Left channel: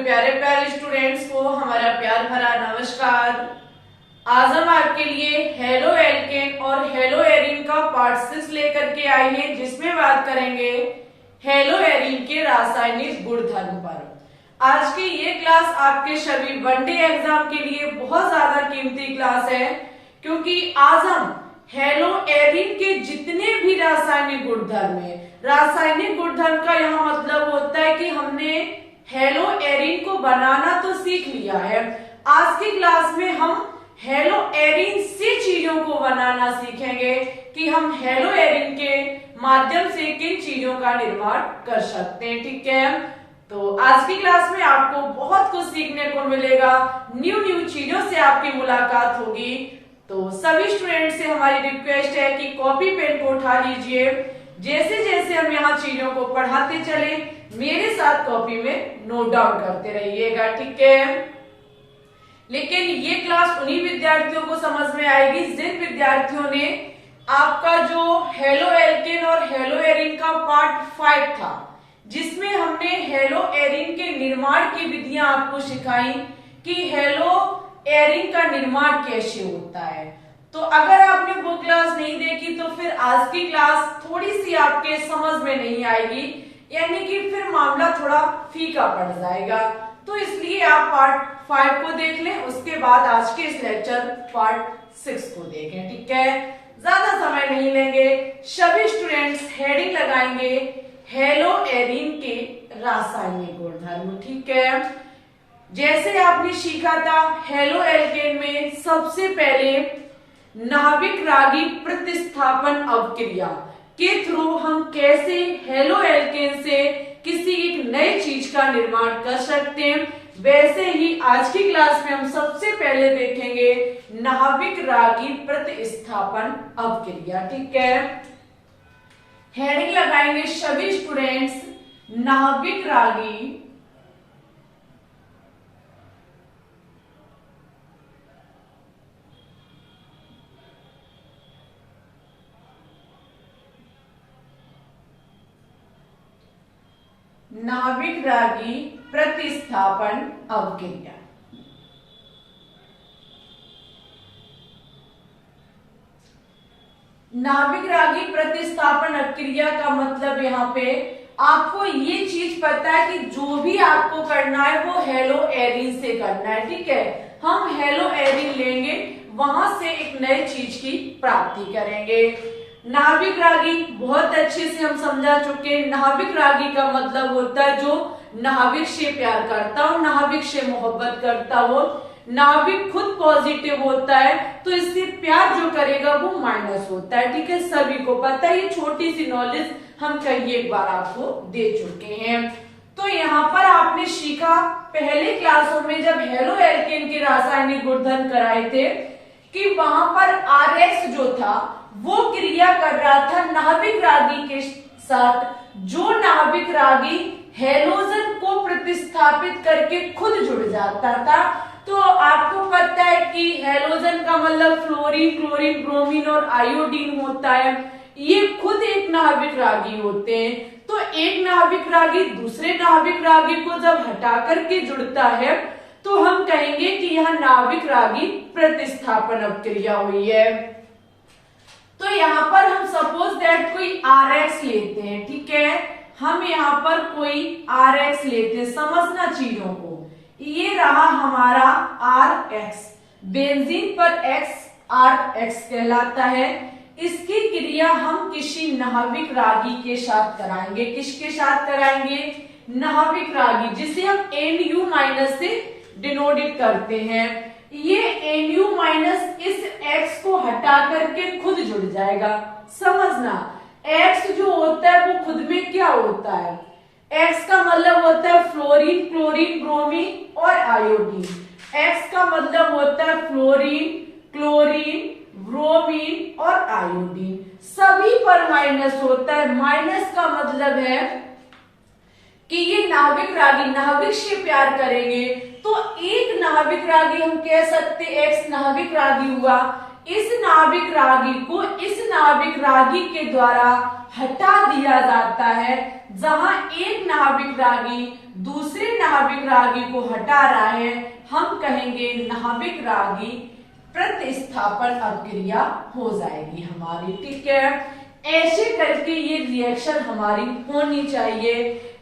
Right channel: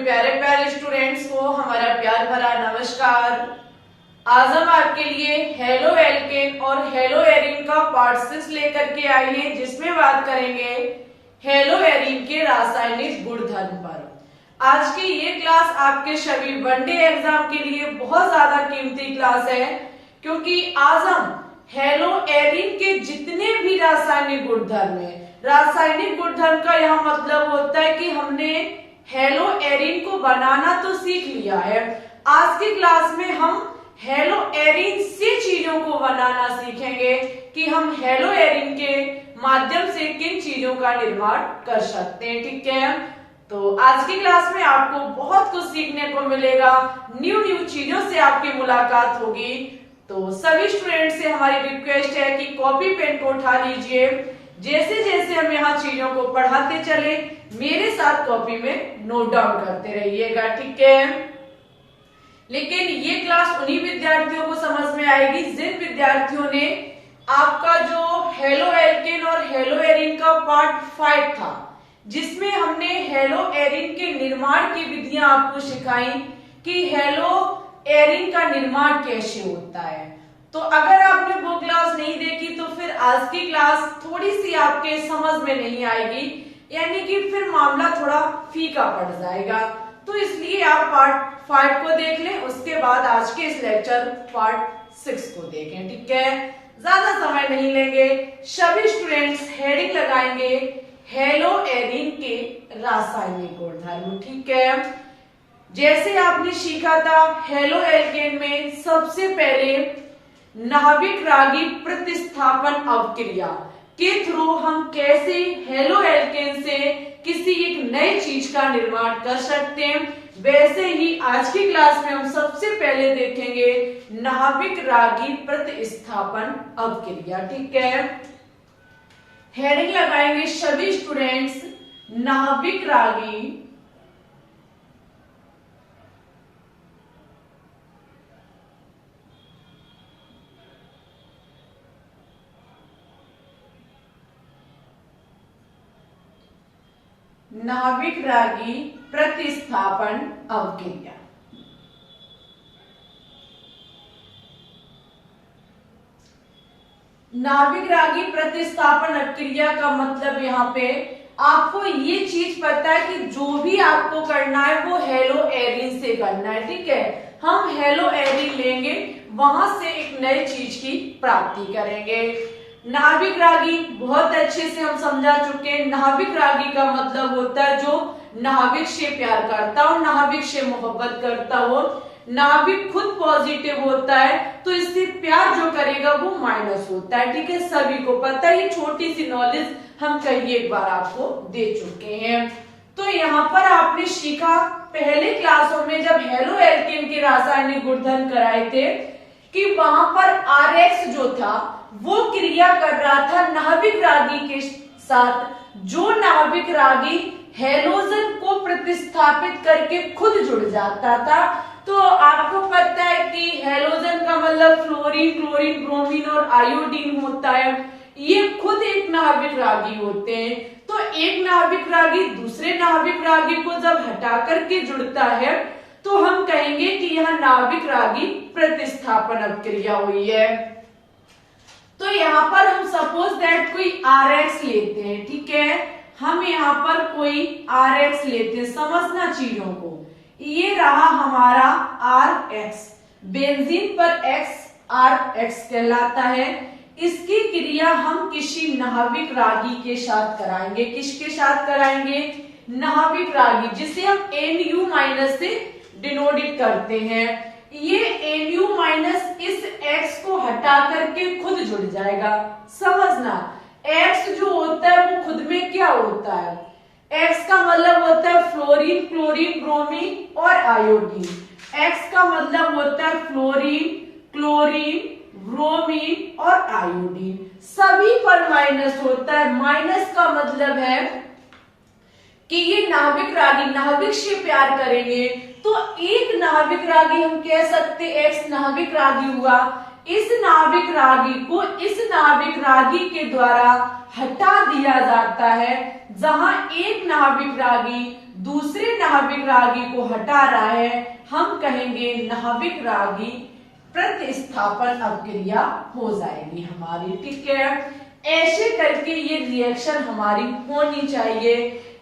सभी प्यारे प्यारे स्टूडेंट्स को हमारा प्यार भरा नमस्कार। आज हम आपके लिए हेलो एल्केन और हेलो एरीन का पार्ट 6 लेकर के आए हैं, जिसमें बात करेंगे हेलो एरीन के रासायनिक गुणधर्म पर। आज की ये क्लास आपके सभी वनडे एग्जाम के लिए बहुत ज्यादा कीमती क्लास है, क्योंकि आज हम हेलो एरीन के जितने भी रासायनिक गुणधर्म है, रासायनिक गुणधर्म का यह मतलब होता है कि हमने हेलो एरीन को बनाना तो सीख लिया है। आज की क्लास में हम हेलो एरीन से चीजों को बनाना सीखेंगे कि हम हेलो एरीन के माध्यम से किन चीजों का निर्माण कर सकते हैं। ठीक है, तो आज की क्लास में आपको बहुत कुछ सीखने को मिलेगा, न्यू चीजों से आपकी मुलाकात होगी। तो सभी स्टूडेंट से हमारी रिक्वेस्ट है कि कॉपी पेन को उठा लीजिए। जैसे जैसे हम यहाँ चीजों को पढ़ाते चले, मेरे साथ कॉपी में नोट डाउन करते रहिएगा। ठीक है, लेकिन ये क्लास उन्हीं विद्यार्थियों को समझ में आएगी जिन विद्यार्थियों ने आपका जो हेलो एल्केन और हेलो एरीन का पार्ट 5 था, जिसमें हमने हेलो एरीन के निर्माण की विधियां आपको सिखाई कि हेलो एरीन का निर्माण कैसे होता है। तो अगर आपने वो क्लास नहीं देखी तो फिर आज की क्लास थोड़ी सी आपके समझ में नहीं आएगी, यानी कि फिर मामला थोड़ा फीका पड़ जाएगा। तो इसलिए आप पार्ट 5 को देख लें, उसके बाद आज के इस लेक्चर पार्ट 6 को देखें। ठीक है, ज्यादा समय नहीं लेंगे, सभी स्टूडेंट्स हेडिंग लगाएंगे हेलो एरीन के रासायनिक गुणधर्म। ठीक है, जैसे आपने सीखा था हेलो एल्केन में सबसे पहले नाभिक रागी प्रतिस्थापन अवक्रिया के थ्रू हम कैसे हेलो एल्केन से किसी एक नई चीज का निर्माण कर सकते हैं, वैसे ही आज की क्लास में हम सबसे पहले देखेंगे नाभिक रागी प्रतिस्थापन अवक्रिया। ठीक है, हेडिंग लगाएंगे सभी स्टूडेंट्स नाभिक रागी नाभिक रागी प्रतिस्थापन अवक्रिया। नाभिक रागी प्रतिस्थापन अवक्रिया का मतलब यहाँ पे आपको ये चीज पता है कि जो भी आपको करना है वो हेलो एरीन से करना है। ठीक है, हम हेलो एरीन लेंगे, वहां से एक नई चीज की प्राप्ति करेंगे। नाभिक रागी बहुत अच्छे से हम समझा चुके हैं। नाभिक रागी का मतलब होता है जो नाभिक से प्यार करता हो, नाभिक से मोहब्बत करता हो। नाभिक खुद पॉजिटिव होता है तो इससे प्यार जो करेगा वो माइनस होता है। ठीक है, सभी को पता है, ये छोटी सी नॉलेज हम कई एक बार आपको दे चुके हैं। तो यहाँ पर आपने सीखा पहले क्लासों में जब हेलो एल्केन के रासायनिक गुणधर्म कराए थे कि वहां पर RX जो था वो क्रिया कर रहा था नाभिक रागी के साथ, जो नाभिक रागी हेलोजन को प्रतिस्थापित करके खुद जुड़ जाता था। तो आपको पता है कि हेलोजन का मतलब फ्लोरीन, क्लोरीन, ब्रोमीन और आयोडीन होता है। ये खुद एक नाभिक रागी होते हैं। तो एक नाभिक रागी दूसरे नाभिक रागी को जब हटा करके जुड़ता है तो हम कहेंगे कि यह नाभिक रागी प्रतिस्थापन अवक्रिया हुई है। तो यहाँ पर हम सपोज दैट कोई RX लेते हैं। ठीक है, हम यहाँ पर कोई RX लेते हैं, समझना चीजों को। ये रहा हमारा RX, बेंजीन पर X RX कहलाता है। इसकी क्रिया हम किसी नाभिक रागी के साथ कराएंगे। किसके साथ कराएंगे? नाभिक रागी, जिसे हम Nu- से डिनोटेड करते हैं। ये Nu- इस X को हटा करके खुद जुड़ जाएगा। समझना, X जो होता है वो खुद में क्या होता है? X का मतलब होता है फ्लोरीन, क्लोरीन, ब्रोमीन और आयोडीन। X का मतलब होता है फ्लोरीन, क्लोरीन, ब्रोमीन और आयोडीन। सभी पर माइनस होता है। माइनस का मतलब है कि ये नाभिक रागी नाभिक से प्यार करेंगे तो एक नाभिक रागी हम कह सकते X नाभिक रागी हुआ, इस नाभिक रागी के द्वारा हटा दिया जाता है। जहां एक नाभिक रागी दूसरे नाभिक रागी को हटा रहा है, हम कहेंगे नाभिक रागी प्रतिस्थापन अभिक्रिया हो जाएगी हमारी, ठीक है। ऐसे करके ये रिएक्शन हमारी होनी चाहिए,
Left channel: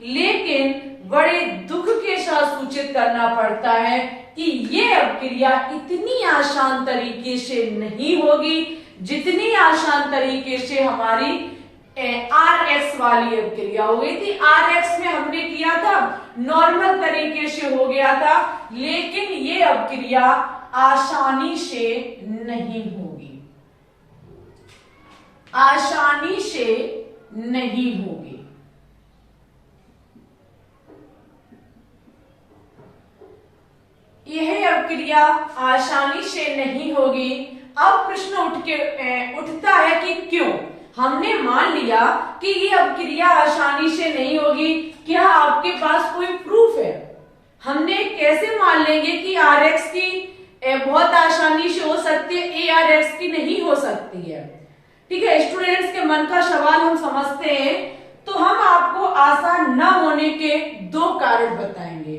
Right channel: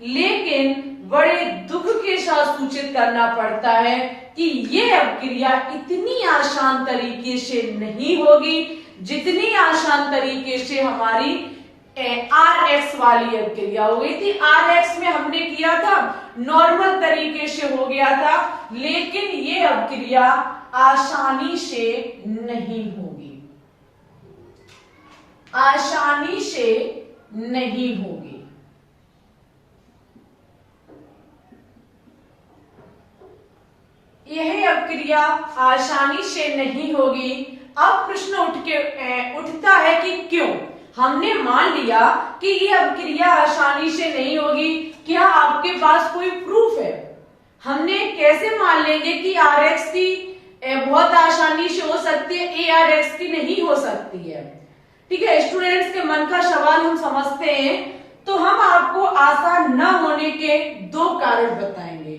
लेकिन बड़े दुख के साथ सूचित करना पड़ता है कि ये अभिक्रिया इतनी आसान तरीके से नहीं होगी जितनी आसान तरीके से हमारी RX वाली अभिक्रिया हो गई थी। RX में हमने किया था नॉर्मल तरीके से हो गया था, लेकिन ये अभिक्रिया आसानी से नहीं होगी, आसानी से नहीं होगी। यह अभिक्रिया आसानी से नहीं होगी। अब प्रश्न उठता है कि क्यों? हमने मान लिया कि यह अभिक्रिया आसानी से नहीं होगी, क्या आपके पास कोई प्रूफ है? हमने कैसे मान लेंगे कि RX की बहुत आसानी से हो सकती है, ARX की नहीं हो सकती है? ठीक है, स्टूडेंट्स के मन का सवाल हम समझते हैं, तो हम आपको आसान न होने के दो कारण बताएंगे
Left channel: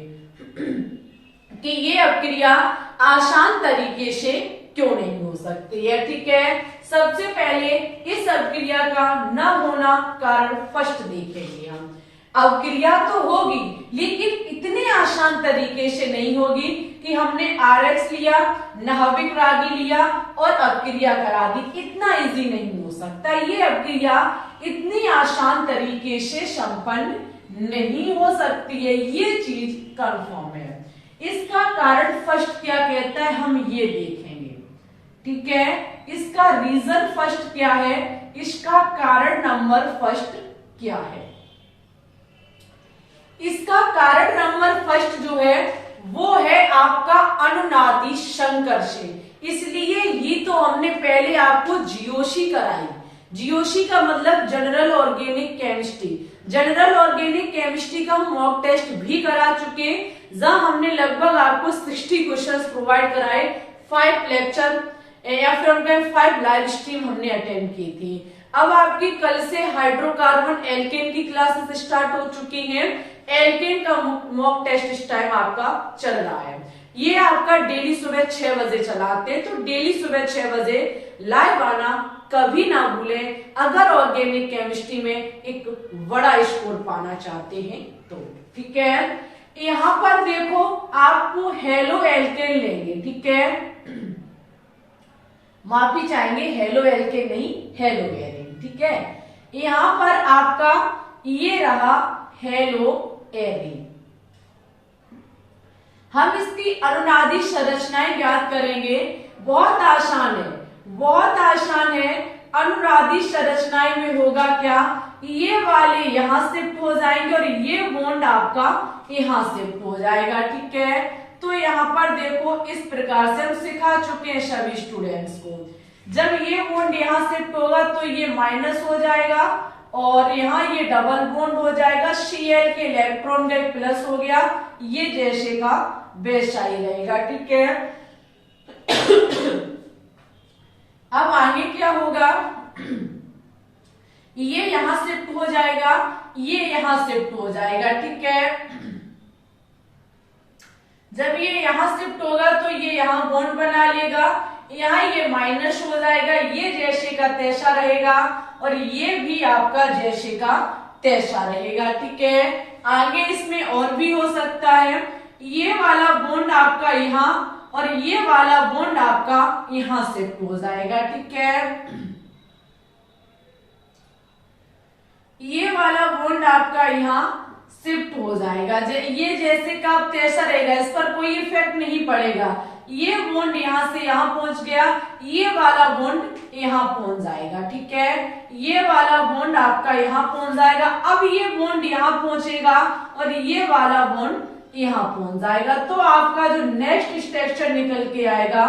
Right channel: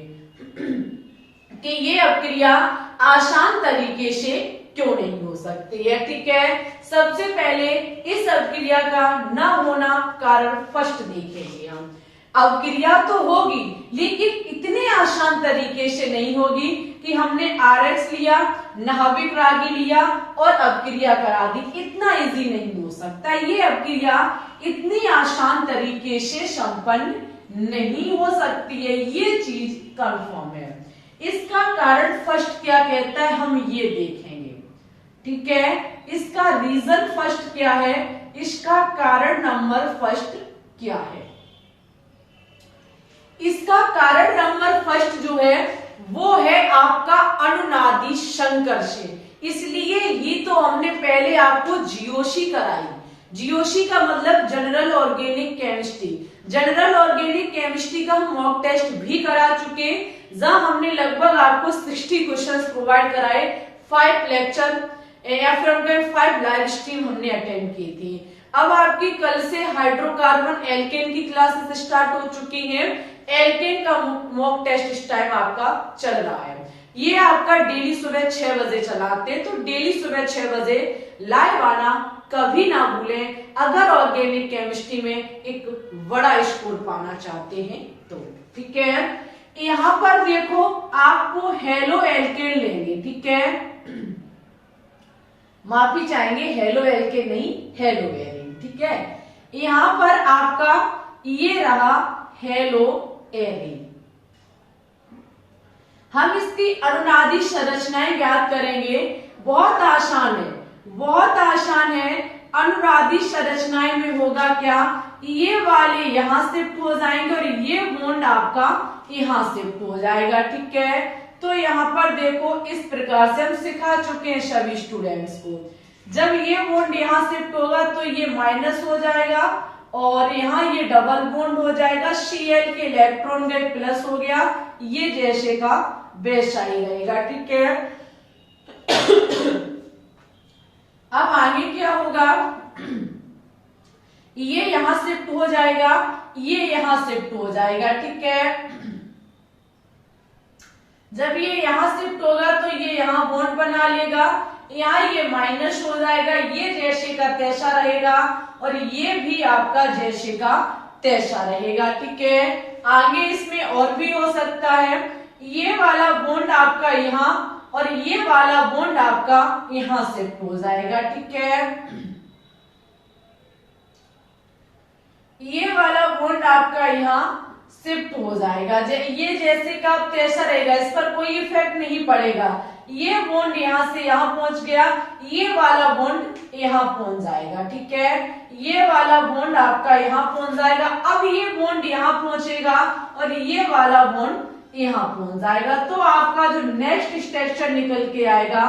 कि ये अभिक्रिया आसान तरीके से क्यों नहीं हो सकती है, ठीक है। सबसे पहले इस अभिक्रिया का न होना कारण फर्स्ट देखेंगे हम। अभिक्रिया तो होगी, लेकिन इतने आसान तरीके से नहीं होगी कि हमने RX लिया, नाभिक रागी लिया और अभिक्रिया करा दी। इतना इजी नहीं हो सकता। ये अभिक्रिया इतनी आसान तरीके से संपन्न नहीं हो सकती है, ये चीज कंफर्म है। इसका कारण फर्स्ट क्या कहता है, हम ये देखेंगे, ठीक है। इसका रीजन फर्स्ट क्या है, इसका कारण नंबर फर्स्ट क्या है? इसका कारण नंबर फर्स्ट जो है वो है आपका अनुनादी संकर्ष। इसलिए ये तो हमने पहले आपको जीओसी कराई। जीओसी का मतलब general organic chemistry. General organic chemistry का हम मॉक टेस्ट भी करा चुके, जहां हमने लगभग आपको 60 क्वेश्चंस प्रोवाइड कराए। 5 लेक्चर या फिर हमने 5 लाइव स्ट्रीम हमने अटेंड की थी। अब आपकी कल से हाइड्रोकार्बन एल्केन की क्लासेस स्टार्ट हो चुकी हैं। एल्केन का मॉक टेस्ट इस टाइम आपका चल रहा है। ये आपका डेली सुबह 6 बजे चलाते हैं, तो डेली सुबह 6 बजे लाइव आना कभी ना भूलें, अगर ऑर्गेनिक केमिस्ट्री में एक बड़ा स्कोर पाना चाहते हैं तो, ठीक है। यहां पर देखो आपको हेलो एल्केन लेंगे, ठीक है, माफी चाहेंगे, हेलो एल्केन नहीं, हेलो एरिन, ठीक है। यहां पर आपका ये रहा हेलो एरिन। हम इसकी अनुनादी संरचनाएं ज्ञात करेंगे। बहुत आसान है, बहुत आसान है। अनुनादी संरचनाएं में होगा क्या, ये वाले यहां शिफ्ट हो जाएंगे और ये बॉन्ड आपका यहां शिफ्ट हो जाएगा, ठीक है। तो यहाँ पर देखो इस प्रकार से हम सिखा चुके हैं सभी स्टूडेंट्स को। जब ये बॉन्ड यहाँ शिफ्ट होगा तो ये माइनस हो जाएगा और यहाँ ये डबल बॉन्ड हो जाएगा। Cl के इलेक्ट्रॉन गए प्लस हो गया, ये जैसे का वैसा ही रहेगा, ठीक है। अब आगे क्या होगा, ये यहां शिफ्ट हो जाएगा, ये यहां शिफ्ट हो जाएगा, ठीक है। जब ये यहां शिफ्ट होगा तो ये यहां बॉन्ड बना लेगा, यहाँ ये माइनस हो जाएगा, ये जैसे का तैसा रहेगा और ये भी आपका जैसे का तैसा रहेगा, ठीक है। आगे इसमें और भी हो सकता है, ये वाला बॉन्ड आपका यहाँ और ये वाला बॉन्ड आपका यहां शिफ्ट हो जाएगा, ठीक है। ये वाला बॉन्ड आपका यहाँ शिफ्ट हो जाएगा, ये जैसे का तैसा रहेगा, इस पर कोई इफेक्ट नहीं पड़ेगा। ये बॉन्ड यहाँ से यहाँ पहुंच गया, ये वाला बॉन्ड यहाँ पहुंच जाएगा, ठीक है। ये वाला बॉन्ड आपका यहाँ पहुंच जाएगा। अब ये बॉन्ड यहाँ पहुंचेगा और ये वाला बॉन्ड यहाँ पहुंच जाएगा। तो आपका जो नेक्स्ट स्ट्रक्चर निकल के आएगा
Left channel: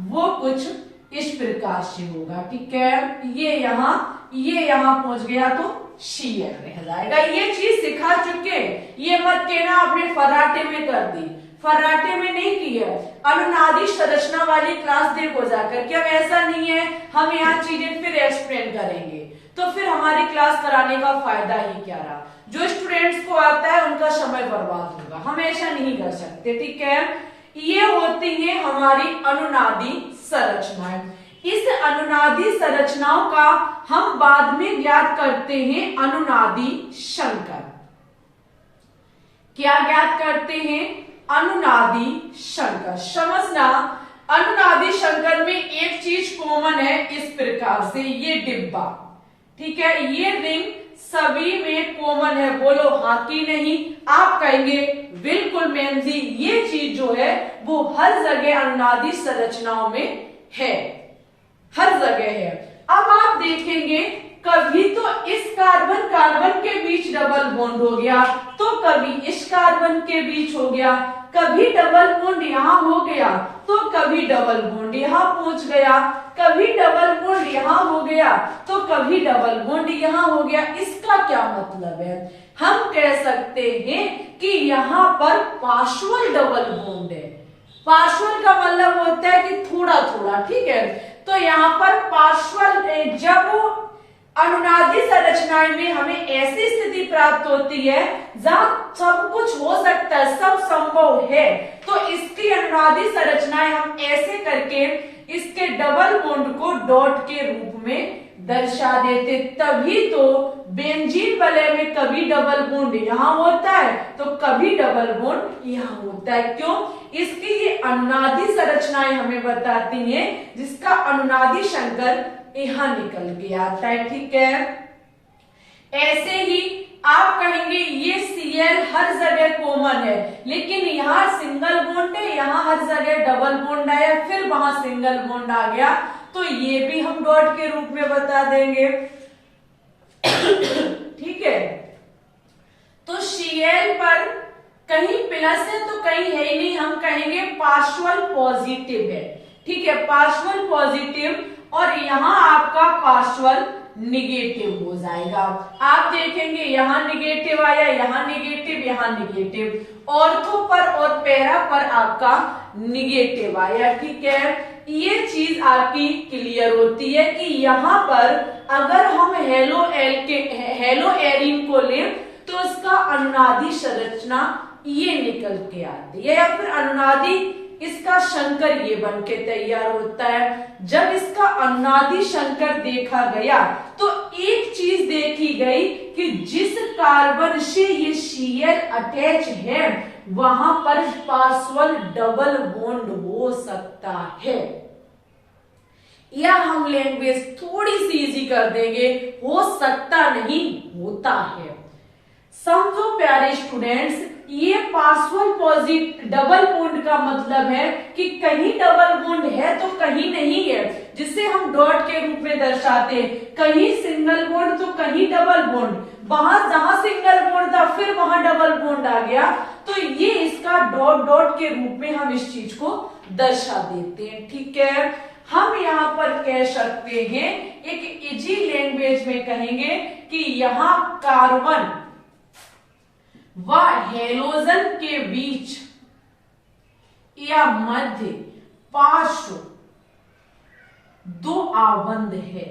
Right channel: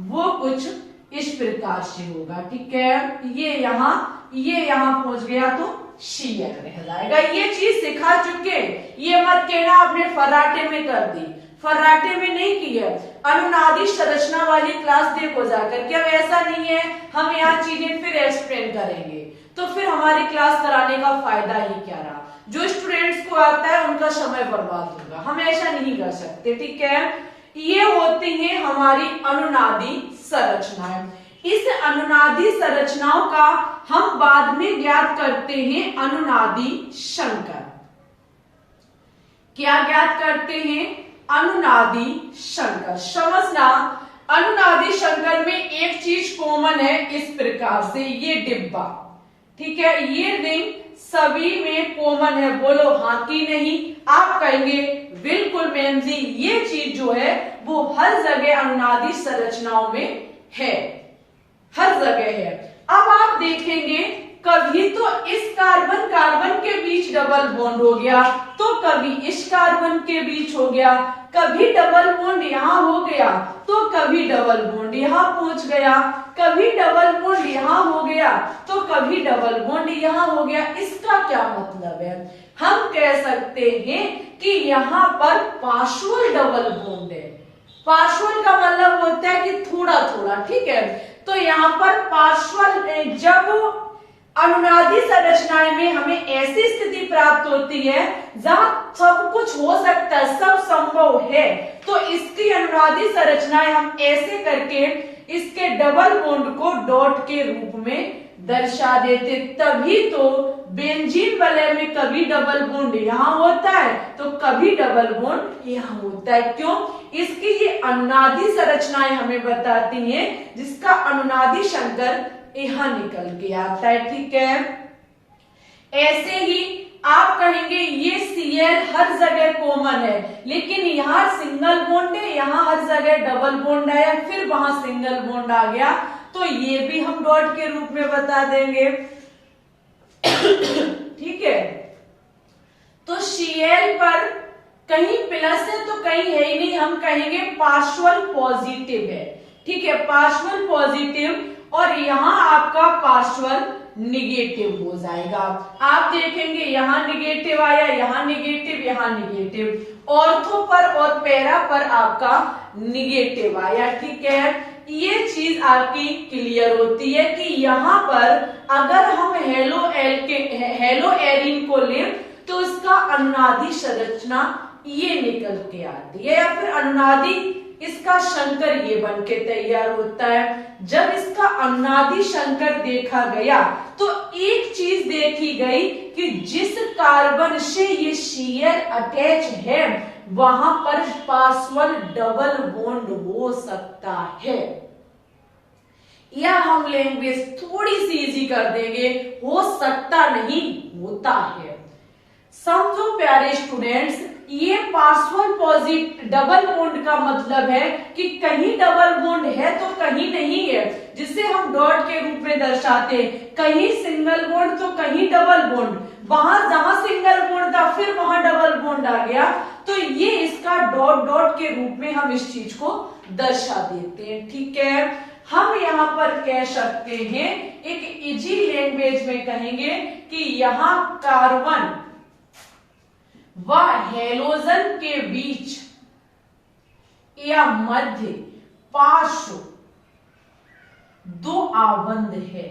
वो कुछ इस प्रकार से होगा, ठीक है। ये यहाँ पहुंच गया तो Cl रह जाएगा। ये चीज सिखा चुके, ये मत कहना आपने फर्राटे में कर दी। फर्राटे में नहीं की है। अनुनादी संरचना वाली क्लास देखो जाकर के। अब ऐसा नहीं है हम यहाँ चीजें फिर एक्सप्लेन करेंगे तो फिर हमारी क्लास कराने का फायदा ही क्या रहा। जो स्टूडेंट्स को आता है उनका समय बर्बाद होगा, हम ऐसा नहीं कर सकते, ठीक है। ये होती है हमारी अनुनादी संरचनाएं। इस अनुनादी संरचनाओं का हम बाद में ज्ञात करते हैं अनुनादी शंकर। क्या ज्ञात करते हैं? अनुनादी शंकर। समझना, अनुनादी शंकर में एक चीज कॉमन है इस प्रकार से, ये डिब्बा, ठीक है, ये रिंग सभी में कॉमन है। बोलो हाँ कि नहीं? आप कहेंगे बिल्कुल मैम जी, ये चीज जो है वो हर जगह अनुनादी संरचनाओं में है, हर जगह है। अब आप देखेंगे कभी तो इस कार्बन कार्बन के बीच डबल बॉन्ड हो गया, तो कभी इस कार्बन के बीच हो गया, कभी डबल बॉन्ड यहाँ हो गया, तो कभी डबल बॉन्ड यहाँ पहुंच गया, कभी डबल बॉन्ड यहाँ हो गया, तो कभी डबल बॉन्ड यहाँ हो गया। इसका क्या मतलब है? हम कह सकते हैं कि यहाँ पर पार्शियल डबल बॉन्ड है। पार्शियल का मतलब होता है कि थोड़ा थोड़ा, ठीक है। तो यहाँ पर पार्शियल, जब अनुनादी संरचनाएं में हमें ऐसी स्थिति प्राप्त होती है जहां सब कुछ हो सकता है, सब संभव है, तो इसकी अनुनादी संरचनाएं हम ऐसे करके इसके डबल बॉन्ड को डॉट के रूप में दर्शा देते। तभी तो बेंजीन वलय में कभी डबल बॉन्ड यहाँ होता है तो कभी डबल बॉन्ड यहाँ होता है। क्यों? इसकी ये अनुनादी संरचनाएं हमें बताती हैं, जिसका अनुनादी शंकर यहाँ निकल के आता है, ठीक है। ऐसे ही आप कहेंगे ये Cl हर जगह कॉमन है, लेकिन यहाँ सिंगल बॉन्ड है, यहाँ हर जगह डबल बॉन्ड आया, फिर वहां सिंगल बॉन्ड आ गया, तो ये भी हम डॉट के रूप में बता देंगे, ठीक है। तो Cl पर कहीं प्लस है तो कहीं है ही नहीं, हम कहेंगे पार्शियल पॉजिटिव है, ठीक है, पार्शियल पॉजिटिव, और यहाँ आपका पार्शियल निगेटिव हो जाएगा। आप देखेंगे यहाँ निगेटिव आया, यहाँ निगेटिव, यहाँ निगेटिव, ऑर्थो पर और पैरा पर आपका निगेटिव आया, ठीक है। ये चीज आपकी क्लियर होती है कि यहाँ पर अगर हम हेलो एरिन को लें तो इसका अनुनादी संरचना ये निकल के आती है, या फिर अनुनादी इसका शंकर ये बन के तैयार होता है। जब इसका अनुनादी शंकर देखा गया तो एक चीज देखी गई कि जिस कार्बन से ये Cl अटैच है वहां पर पार्शियल डबल बॉन्ड हो सकता है, या हम लैंग्वेज थोड़ी सी इजी कर देंगे, हो सकता नहीं होता है। समझो प्यारे स्टूडेंट्स, ये पार्शियल पॉजिटिव डबल बॉन्ड का मतलब है कि कहीं डबल बॉन्ड है तो कहीं नहीं है, जिसे हम डॉट के रूप में दर्शाते हैं। कहीं सिंगल बॉन्ड तो कहीं डबल बॉन्ड, वहां जहां सिंगल बॉन्ड था फिर वहां डबल बॉन्ड आ गया, तो ये इसका डॉट डॉट के रूप में हम इस चीज को दर्शा देते हैं, ठीक है। हम यहाँ पर कह सकते हैं, एक इजी लैंग्वेज में कहेंगे कि यहाँ कार्बन व हेलोजन के बीच या मध्य पार्श्व दो आबंध है,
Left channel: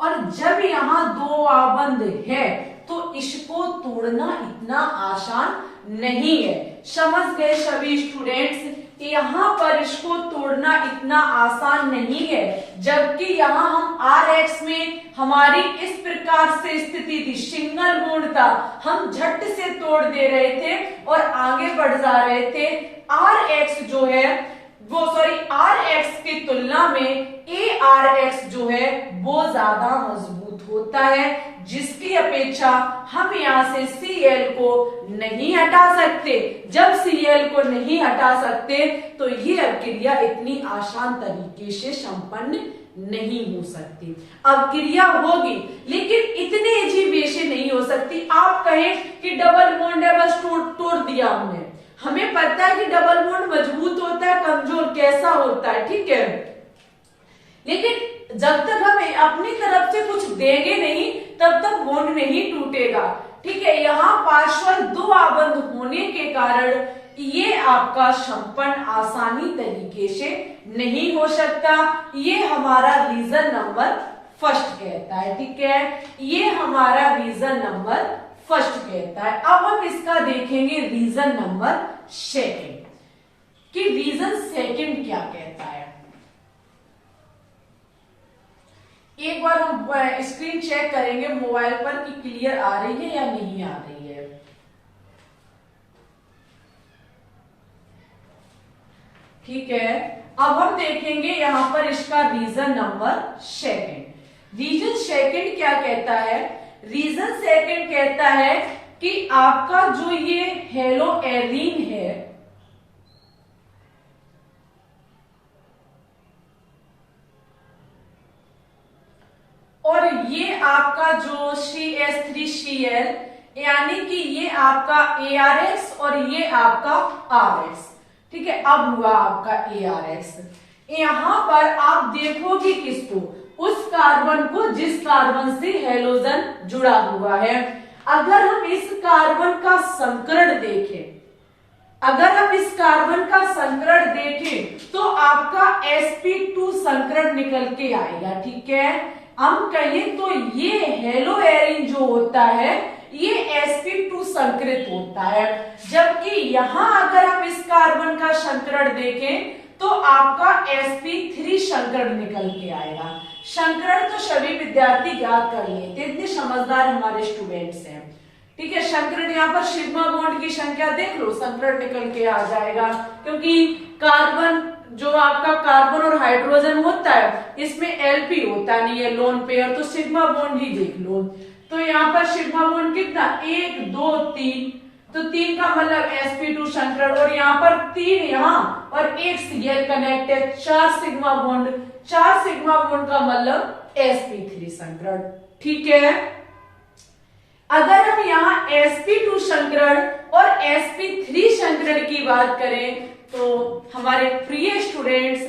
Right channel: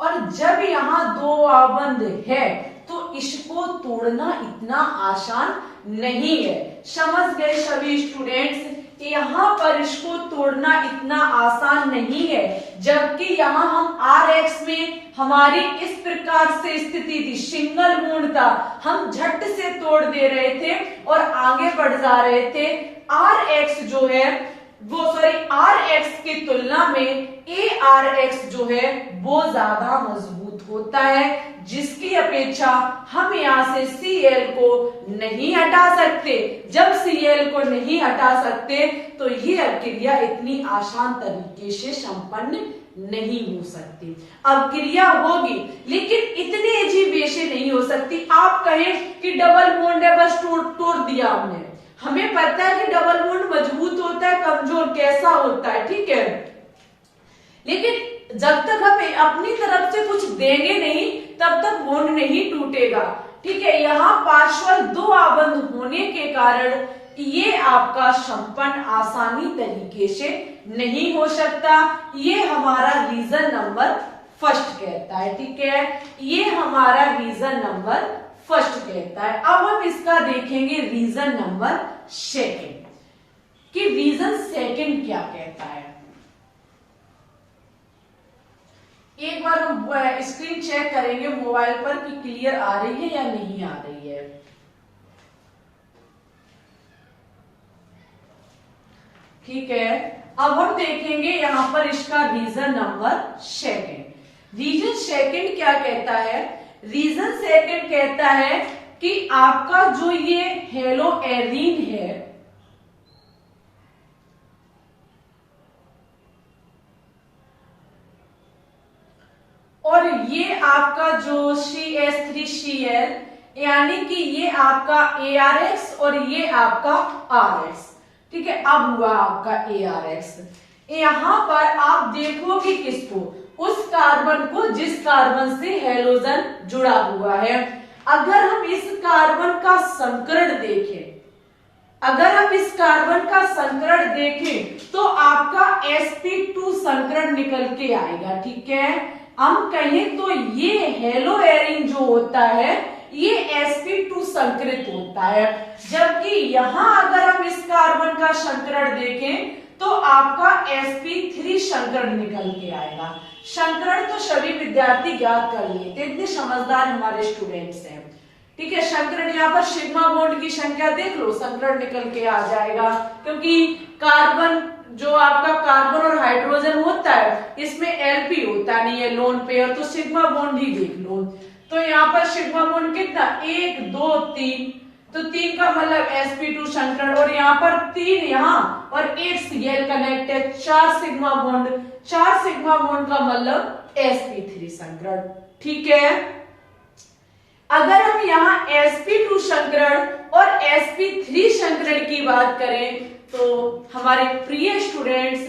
और जब यहां दो आबंध है तो इसको तोड़ना इतना आसान नहीं है। समझ गए सभी स्टूडेंट्स? यहाँ पर इसको तोड़ना इतना आसान नहीं है, जबकि यहाँ हम Rx में हमारी इस प्रकार से स्थिति थी, सिंगल बॉन्ड था, हम झट से तोड़ दे रहे थे और आगे बढ़ जा रहे थे। Rx जो है वो Rx की तुलना में Arx जो है वो ज्यादा मजबूत होता है, जिसकी अपेक्षा हम यहाँ से Cl को नहीं हटा सकते। जब Cl को नहीं हटा सकते तो ये क्रिया इतनी आसान तरीके से संपन्न नहीं हो सकती। अब क्रिया होगी लेकिन इतने इजी वे से नहीं हो सकती। आप कहें कि डबल बॉन्ड है बस तोड़ दिया हमने, हमें पता है कि डबल बॉन्ड मजबूत होता है, कमजोर कैसा होता है, ठीक है, लेकिन जब तक हम अपनी तरफ से कुछ देंगे नहीं तब तक बॉन्ड नहीं टूटेगा। ठीक है, यहाँ पार्श्वल दो आबंध होने के कारण ये आपका संपन्न आसानी तरीके से नहीं हो सकता। ये हमारा रीजन नंबर फर्स्ट कहता है। ठीक है, ये हमारा रीजन नंबर फर्स्ट कहता है। अब हम इसका देखेंगे रीजन नंबर सेकंड कि रीजन सेकंड क्या कहता है। एक बार हम स्क्रीन चेक करेंगे मोबाइल पर कि क्लियर आ रही है या नहीं आ रही है। ठीक है, अब हम देखेंगे यहां पर इसका reason number second. Reason second क्या कहता है? रीजन सेकंड कहता है कि आपका जो ये हेलो एरीन है, और ये आपका जो CH3Cl यानी कि ये आपका ARX और ये आपका RX। ठीक है, अब हुआ आपका ARX। यहां पर आप देखोगे किसको? उस कार्बन को जिस कार्बन से हैलोजन जुड़ा हुआ है। अगर हम इस कार्बन का संकरण देखें, अगर हम इस कार्बन का संकरण देखें तो आपका sp2 संकरण निकल के आएगा। ठीक है, हम कहें तो ये हेलो एरीन जो होता है ये sp2 संकरित होता है, जबकि यहां अगर हम इस कार्बन का संकरण देखें तो आपका sp3 संकरण निकल के आएगा। संकरण तो सभी विद्यार्थी ज्ञात कर लेते, इतने समझदार हमारे स्टूडेंट्स हैं। ठीक है, संकरण यहाँ पर सिग्मा बॉन्ड की संख्या देख लो, संकरण निकल के आ जाएगा, क्योंकि कार्बन जो आपका कार्बन और हाइड्रोजन होता है इसमें एलपी होता नहीं है, लोन पेयर, तो सिग्मा बॉन्ड ही देख लो। तो यहाँ पर सिग्मा बॉन्ड कितना? 1 2 3, तो 3 का मतलब sp2 संकरण, और यहाँ पर 3 यहाँ और 1 Cl कनेक्ट है, 4 सिग्मा बॉन्ड, 4 सिग्मा बॉन्ड का मतलब sp3 संकरण। ठीक है, अगर हम यहाँ sp2 संकरण और sp3 संकरण की बात करें तो हमारे प्रिय स्टूडेंट्स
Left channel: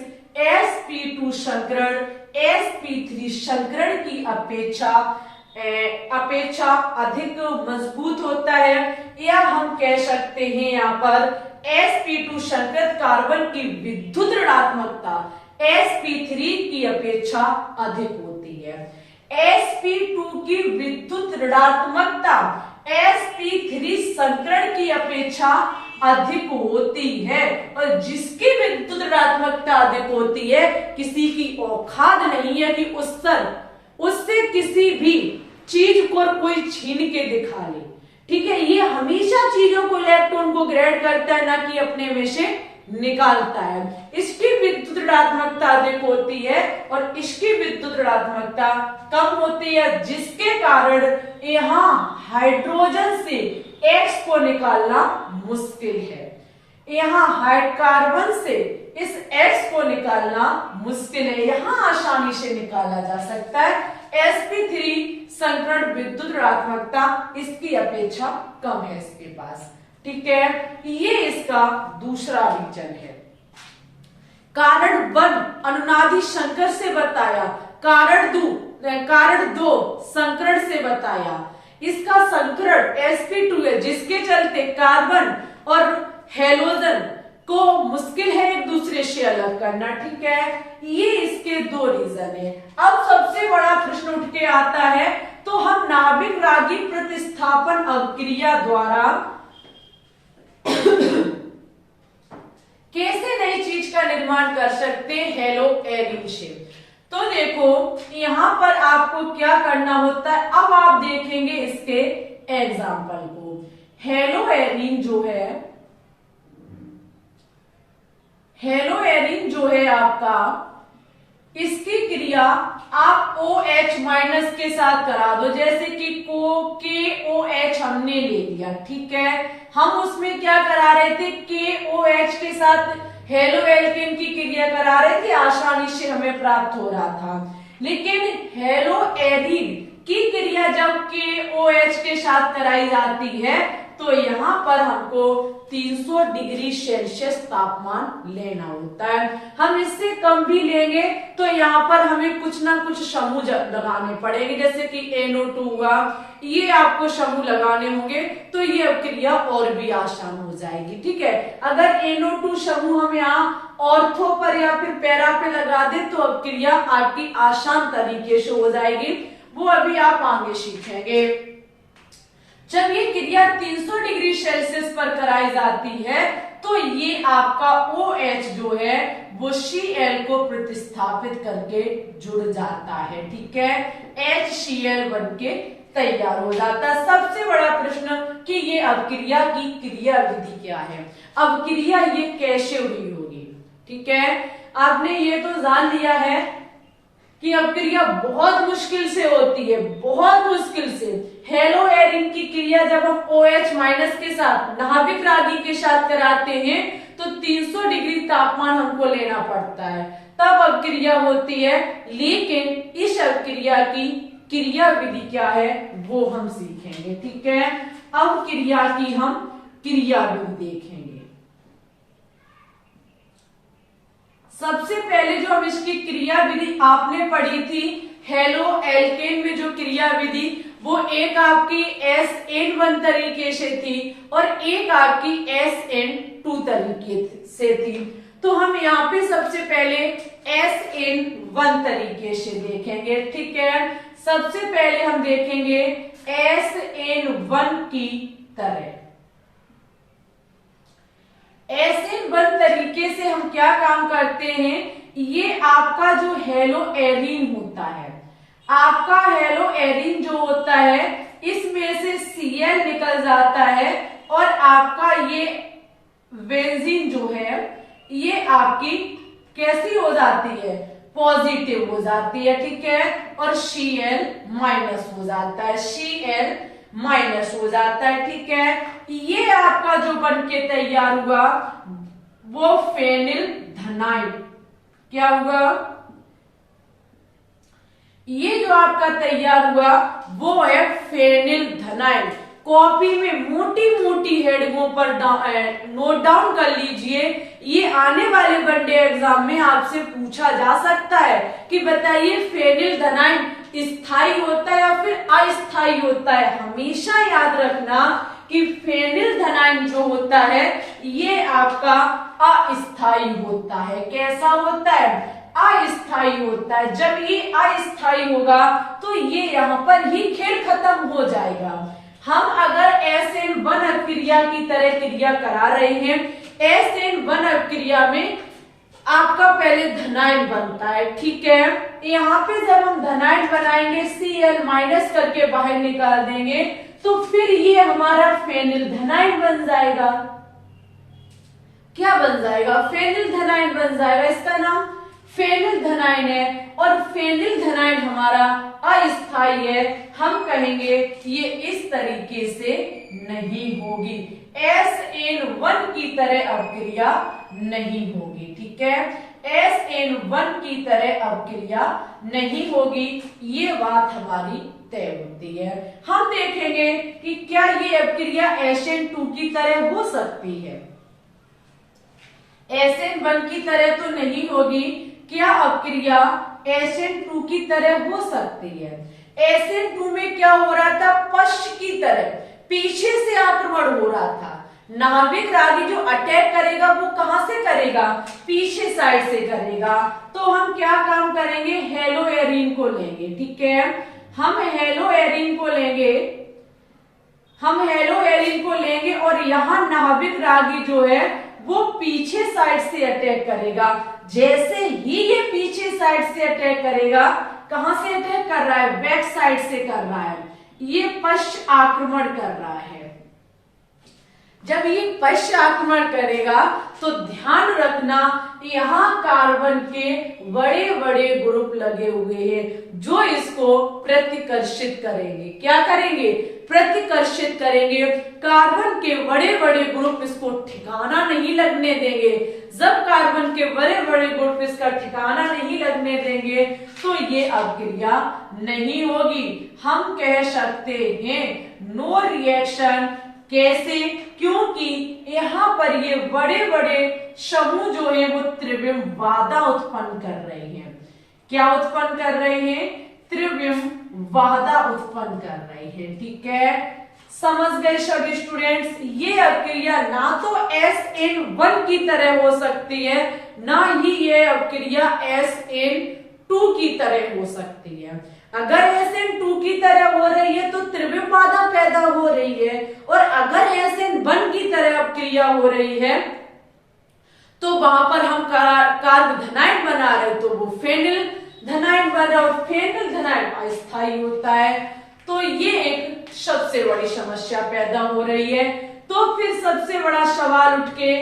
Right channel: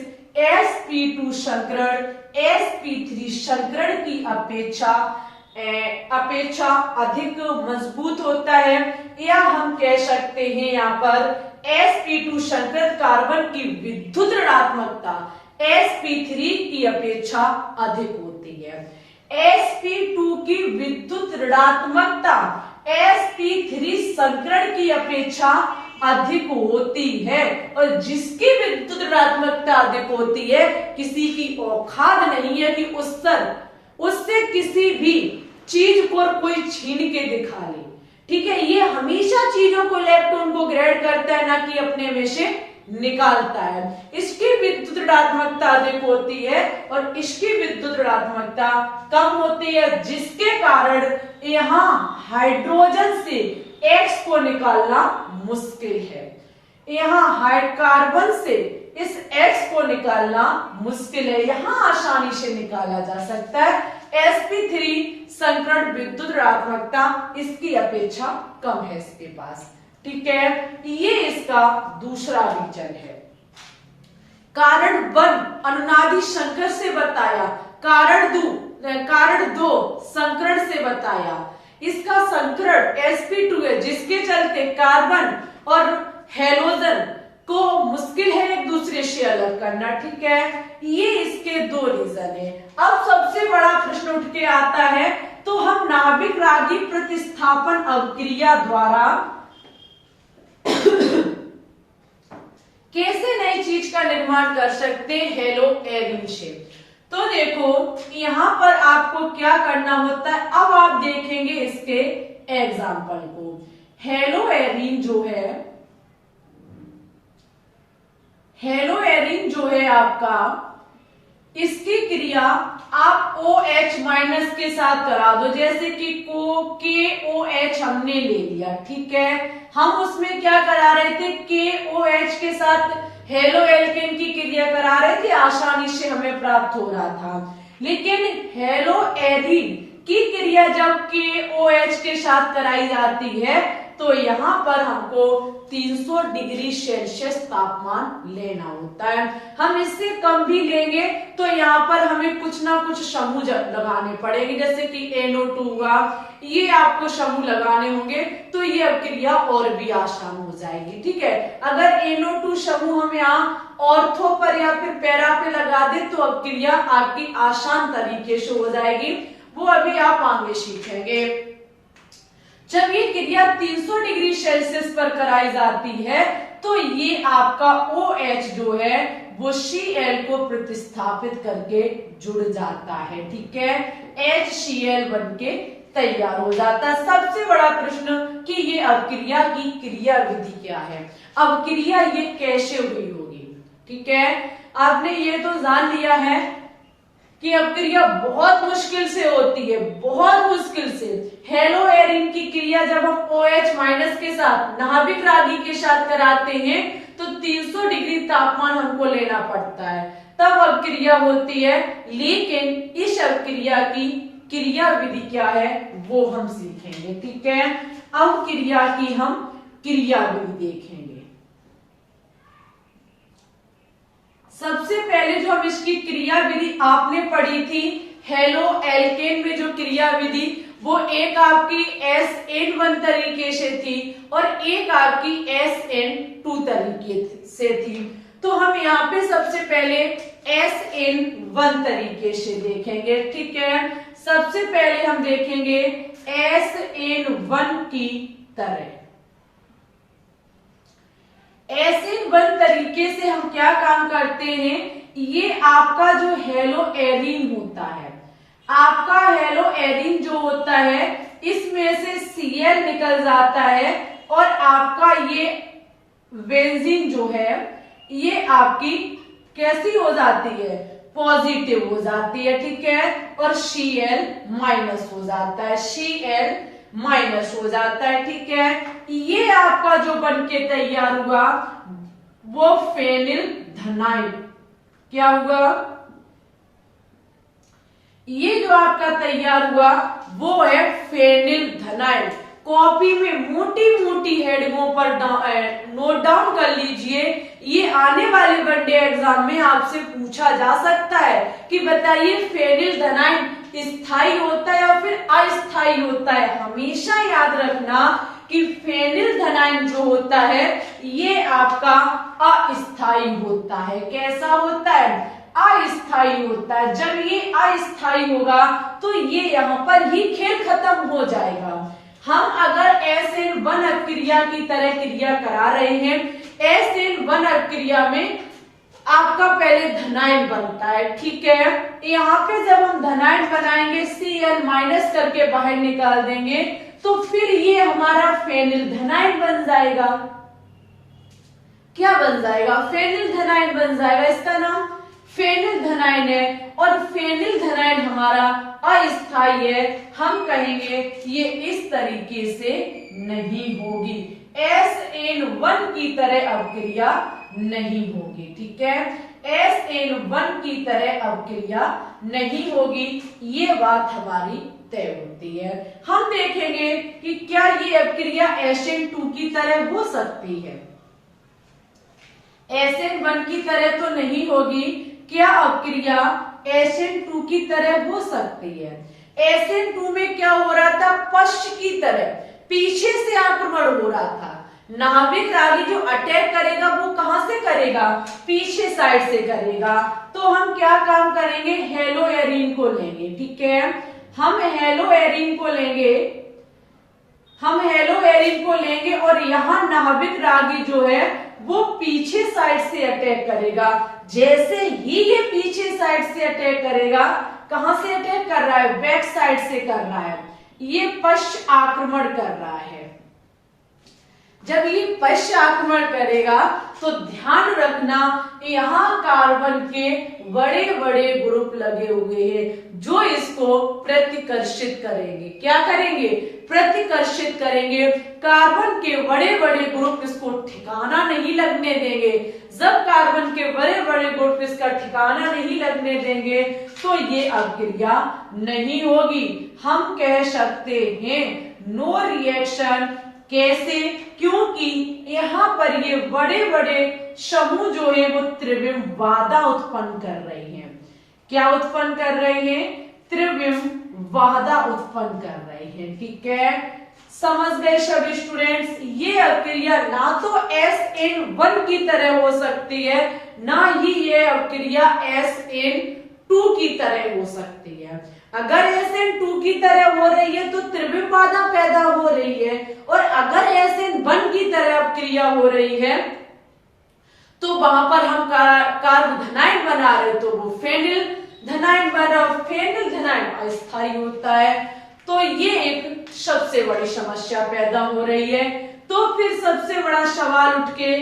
sp2 संकरण sp3 संकरण की अपेक्षा अधिक मजबूत होता है, या हम कह सकते हैं यहाँ पर sp2 संकरित कार्बन की विद्युत ऋणात्मकता sp3 की अपेक्षा अधिक होती है। sp2 की विद्युत ऋणात्मकता sp3 संकरण की अपेक्षा अधिक होती है, और जिसकी विद्युत ऋणात्मकता अधिक होती है किसी की औकात नहीं है कि उससे किसी भी चीज को कोई छीन के दिखा ले। ठीक है, ये हमेशा चीजों को, इलेक्ट्रॉन को ग्रेड करता है, ना कि अपने में से निकालता है। इसकी विद्युत ऋणात्मकता अधिक होती है और इसकी विद्युत ऋणात्मकता कम होती है, जिसके कारण यहाँ हाइड्रोजन से X को निकालना मुश्किल है। यहाँ कार्बन से इस X को निकालना मुश्किल है, यहाँ आसानी से निकाला जा सकता है। sp3 संकरण विद्युत ऋणात्मकता इसकी अपेक्षा कम है इसके पास। ठीक है, ये इसका दूसरा रीजन है। कारण 1 अनुनादी संकर से बताया, कारण 2 संकरण से बताया। इसका संकरण sp2 है, जिसके चलते कार्बन और हैलोजन को मुश्किल है एक दूसरे से अलग करना। ठीक है, ये इसके 2 रीजन है। अब सबसे बड़ा प्रश्न उठ के आता है, तो हम नाभिक रागी प्रतिस्थापन अभिक्रिया द्वारा कैसे नई चीज का निर्माण कर सकते हैं हेलो एरीन से। तो देखो यहां पर आपको क्या करना होता है, अब आप देखेंगे इसके एग्जाम्पल को। हेलो एरीन जो है आपका, इसकी क्रिया आप OH माइनस के साथ करा दो, जैसे कि KOH हमने ले लिया। ठीक है, हम उसमें क्या करा रहे थे? KOH के साथ हेलो एल्केन की क्रिया करा रहे थे, आसानी से हमें प्राप्त हो रहा था। लेकिन हेलो एरीन की क्रिया जब KOH के साथ कराई जाती है तो यहाँ पर हमको 300 डिग्री सेल्सियस तापमान लेना होता है। हम इससे कम भी लेंगे तो यहाँ पर हमें कुछ ना कुछ समूह लगाने पड़ेंगे, जैसे कि NO2 हुआ, ये आपको समूह लगाने होंगे तो ये अब क्रिया और भी आसान हो जाएगी। ठीक है, अगर NO2 समूह हम यहाँ ऑर्थो पर या फिर पैरा पे लगा दे तो अब क्रिया आपकी आसान तरीके से हो जाएगी, वो अभी आप आगे सीखेंगे। जब ये क्रिया 300 डिग्री सेल्सियस पर कराई जाती है तो ये आपका OH जो है वो Cl को प्रतिस्थापित करके जुड़ जाता है। ठीक है, HCl बनके तैयार हो जाता है। सबसे बड़ा प्रश्न कि ये अवक्रिया की क्रिया विधि क्या है, अवक्रिया ये कैसे हुई होगी। ठीक है, आपने ये तो जान लिया है कि अवक्रिया बहुत मुश्किल से होती है, बहुत मुश्किल से। हेलो एरिन की क्रिया जब हम OH माइनस के साथ नाभिक रागी के साथ कराते हैं तो 300 डिग्री तापमान हमको लेना पड़ता है, तब अवक्रिया होती है। लेकिन इस अवक्रिया की क्रिया विधि क्या है वो हम सीखेंगे। ठीक है, अवक्रिया की हम क्रिया विधि देखेंगे। सबसे पहले जो हम इसकी क्रिया विधि आपने पढ़ी थी हेलो एल्केन में, जो क्रिया विधि वो एक आपकी SN1 तरीके से थी और एक आपकी SN2 तरीके से थी। तो हम यहाँ पे सबसे पहले SN1 तरीके से देखेंगे। ठीक है, सबसे पहले हम देखेंगे SN1 की तरह। SN1 तरीके से हम क्या काम करते हैं, ये आपका जो हेलो एरिन होता है, आपका हेलो एरिन जो होता है इसमें से Cl निकल जाता है और आपका ये बेंजीन जो है ये आपकी कैसी हो जाती है, पॉजिटिव हो जाती है। ठीक है, और Cl माइनस हो जाता है, Cl माइनस हो जाता है। ठीक है, ये आपका जो बनके तैयार हुआ वो फेनिल धनाइड क्या हुआ, ये जो आपका तैयार हुआ वो है फेनिल धनाइड। कॉपी में मोटी मोटी हेडिंगों पर नोट डाउन कर लीजिए, ये आने वाले वनडे एग्जाम में आपसे पूछा जा सकता है कि बताइए फेनिल धनाइड स्थायी होता है या फिर अस्थायी होता है। हमेशा याद रखना कि फेनिल धनाइड जो होता है ये आपका अस्थायी होता है। कैसा होता है, अस्थायी होता है। जब ये अस्थायी होगा तो ये यहाँ पर ही खेल खत्म हो जाएगा। हम अगर SN1 अभिक्रिया की तरह क्रिया करा रहे हैं, SN1 अभिक्रिया में आपका पहले धनाइड बनता है। ठीक है, यहाँ पे जब हम धनाइड बनाएंगे Cl माइनस करके बाहर निकाल देंगे तो फिर ये हमारा फेनिल धनाइड बन जाएगा। क्या बन जाएगा, फेनिल धनाइड बन जाएगा। इसका नाम फेनिल धनाइड है और फेनिल धनाइड हमारा अस्थायी है। हम कहेंगे ये इस तरीके से नहीं होगी, SN1 की तरह अभिक्रिया नहीं होगी। ठीक है, SN1 की तरह अभिक्रिया नहीं होगी, ये बात हमारी तय होती है। हम देखेंगे कि क्या ये अभिक्रिया SN2 की तरह हो सकती है। SN1 की तरह तो नहीं होगी, क्या अभिक्रिया SN2 की तरह हो सकती है। SN2 में क्या हो रहा था, पश्च की तरह पीछे से आक्रमण हो रहा था। नाभिक रागी जो अटैक करेगा वो कहां से करेगा, पीछे साइड से करेगा। तो हम क्या काम करेंगे, हेलो एरिन को लेंगे। ठीक है, हम हेलो एरिन को लेंगे, हम हेलो एरिन को लेंगे और यहाँ नाभिक रागी जो है वो पीछे साइड से अटैक करेगा। जैसे ही ये पीछे साइड से अटैक करेगा, कहां से अटैक कर रहा है, बैक साइड से कर रहा है, ये पश्च आक्रमण कर रहा है। जब ये पश्च आक्रमण करेगा तो ध्यान रखना यहाँ कार्बन के बड़े बड़े ग्रुप लगे हुए हैं जो इसको प्रतिकर्षित करेंगे। क्या करेंगे, प्रतिकर्षित करेंगे। कार्बन के बड़े बड़े ग्रुप इसको ठिकाना नहीं लगने देंगे। जब कार्बन के बड़े बड़े ग्रुप इसका ठिकाना नहीं लगने देंगे तो ये अभिक्रिया नहीं होगी। हम कह सकते हैं नो रिएक्शन कैसे? क्योंकि यहाँ पर ये बड़े बड़े समूह जो है वो त्रिविम बाधा उत्पन्न कर रहे हैं। क्या उत्पन्न कर रहे हैं? त्रिविम बाधा उत्पन्न कर रहे हैं। ठीक है, समझ गए सभी स्टूडेंट्स? ये अक्रिया ना तो SN1 की तरह हो सकती है, ना ही ये अक्रिया SN2 की तरह हो सकती है। अगर SN2 की तरह हो रही है तो त्रिविम बाधा पैदा हो रही है, और अगर SN1 की तरह अक्रिया हो रही है तो वहां पर हम कार्बोधनाइड बना रहे तो वो फेनिल धनाइड बना, और फेनिल धनाइड अस्थायी होता है। तो ये एक सबसे बड़ी समस्या पैदा हो रही है। तो फिर सबसे बड़ा सवाल उठ के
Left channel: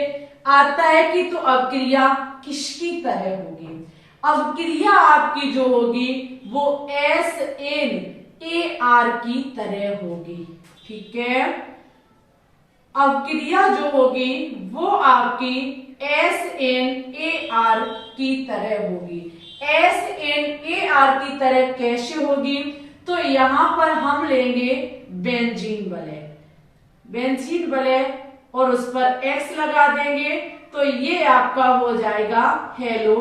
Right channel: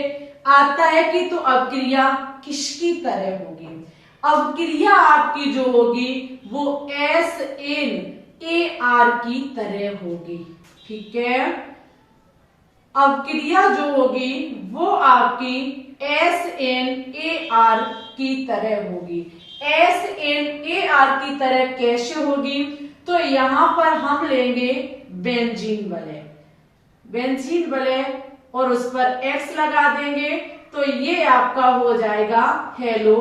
आता है कि तो अवक्रिया किसकी तरह होगी? अवक्रिया आपकी जो होगी वो SNAR की तरह होगी। ठीक है, अवक्रिया जो होगी वो आपकी SNAR की तरह होगी। SNAR की तरह कैसे होगी? तो यहां पर हम लेंगे बेंजीन वलय, बेंजीन वलय और उस पर X लगा देंगे तो ये आपका हो जाएगा हेलो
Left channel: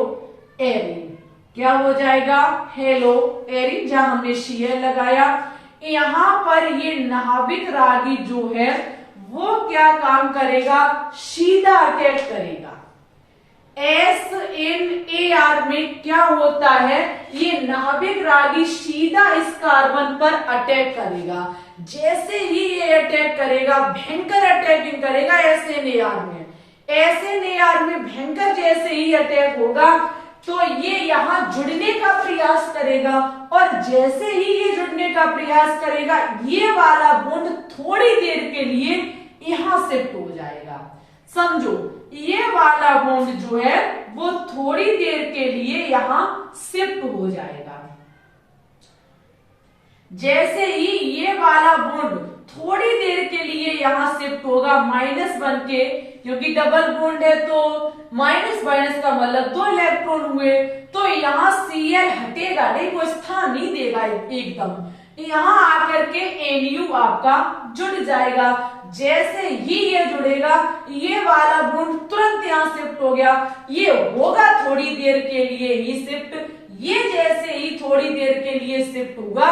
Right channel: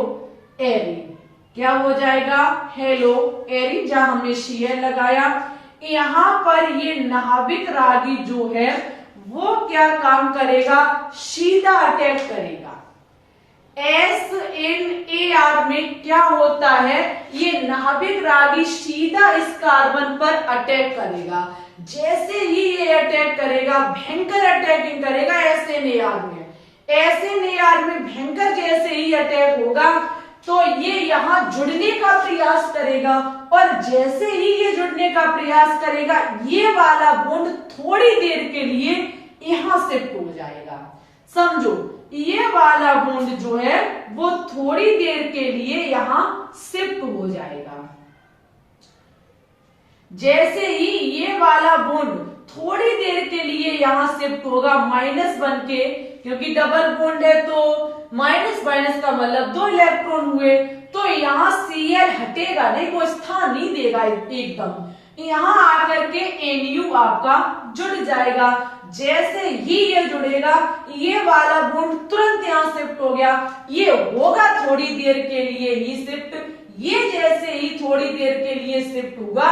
एरिन। क्या हो जाएगा? हेलो एरिन, जहां हमने Cl लगाया। यहां पर ये नाभिक रागी जो है वो क्या काम करेगा? सीधा अटैक करेगा। SNAR में क्या होता है? ये नाभिक रागी सीधा इस कार्बन पर अटैक करेगा। जैसे ही ये अटैक करेगा, भयंकर अटैकिंग करेगा SNAR में। SNAR में भयंकर जैसे ही अटैक होगा तो ये यहां जुड़ने का प्रयास करेगा, और जैसे ही ये जुड़ने का प्रयास करेगा ये वाला बॉन्ड थोड़ी देर के लिए यहां शिफ्ट हो जाएगा। समझो, ये वाला बॉन्ड जो है वो थोड़ी देर के लिए यहां शिफ्ट हो जाएगा। जैसे ही ये वाला बॉन्ड थोड़ी देर के लिए यहां शिफ्ट होगा माइनस बन के, क्योंकि डबल बॉन्ड है तो माइनस माइनस का मतलब 2 इलेक्ट्रॉन हुए, तो यहां Cl हटेगा नहीं, वो स्थान नहीं देगा एकदम। यहां आकर के Nu आपका जुड़ जाएगा। जैसे ही ये जुड़ेगा ये वाला बॉन्ड तुरंत यहां शिफ्ट हो गया। ये होगा थोड़ी देर के लिए ही शिफ्ट। ये जैसे ही थोड़ी देर के लिए शिफ्ट हुआ,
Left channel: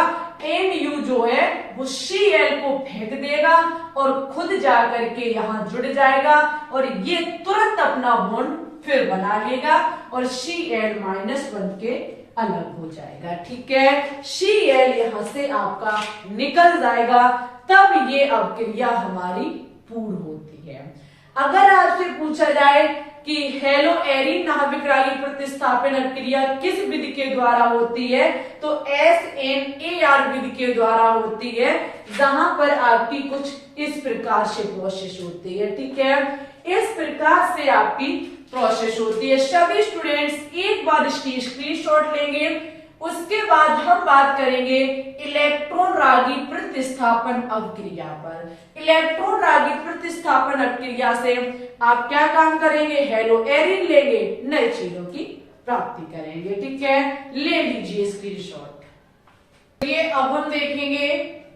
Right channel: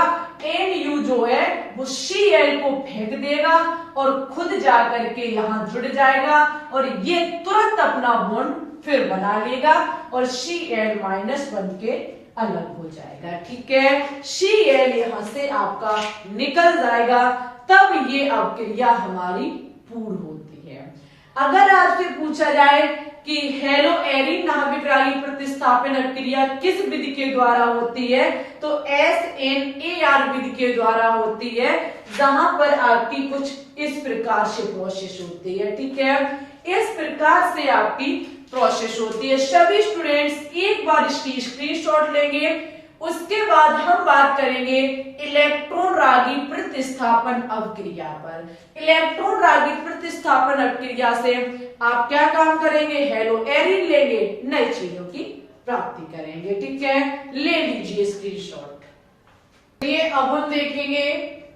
Nu जो है वो Cl को फेंक देगा और खुद जाकर के यहां जुड़ जाएगा, और ये तुरंत अपना बॉन्ड फिर बना लेगा और Cl माइनस बन के अलग हो जाएगा। ठीक है, Cl यहां से आपका निकल जाएगा, तब ये अवक्रिया हमारी पूर्ण होती है। अगर आपसे पूछा जाए कि हेलो एरिन नाभिक रागी प्रतिस्थापन अक्रिया किस विधि के द्वारा होती है, तो SNAR विधि के द्वारा होती है, जहां पर आपकी कुछ इस प्रकार से प्रोसेस होती है। ठीक है, इस प्रकार से आपकी प्रोसेस होती है। सभी स्टूडेंट्स एक बार इसकी स्क्रीनशॉट लेंगे, उसके बाद हम बात करेंगे इलेक्ट्रॉन रागी प्रतिस्थापन अवक्रिया पर। इलेक्ट्रॉन रागी प्रतिस्थापन अवक्रिया से आप क्या काम करेंगे? हेलो एरिन लेंगे, नई चीजों की प्राप्ति करेंगे। ठीक है, ले लीजिए स्क्रीनशॉट। ये अब हम देखेंगे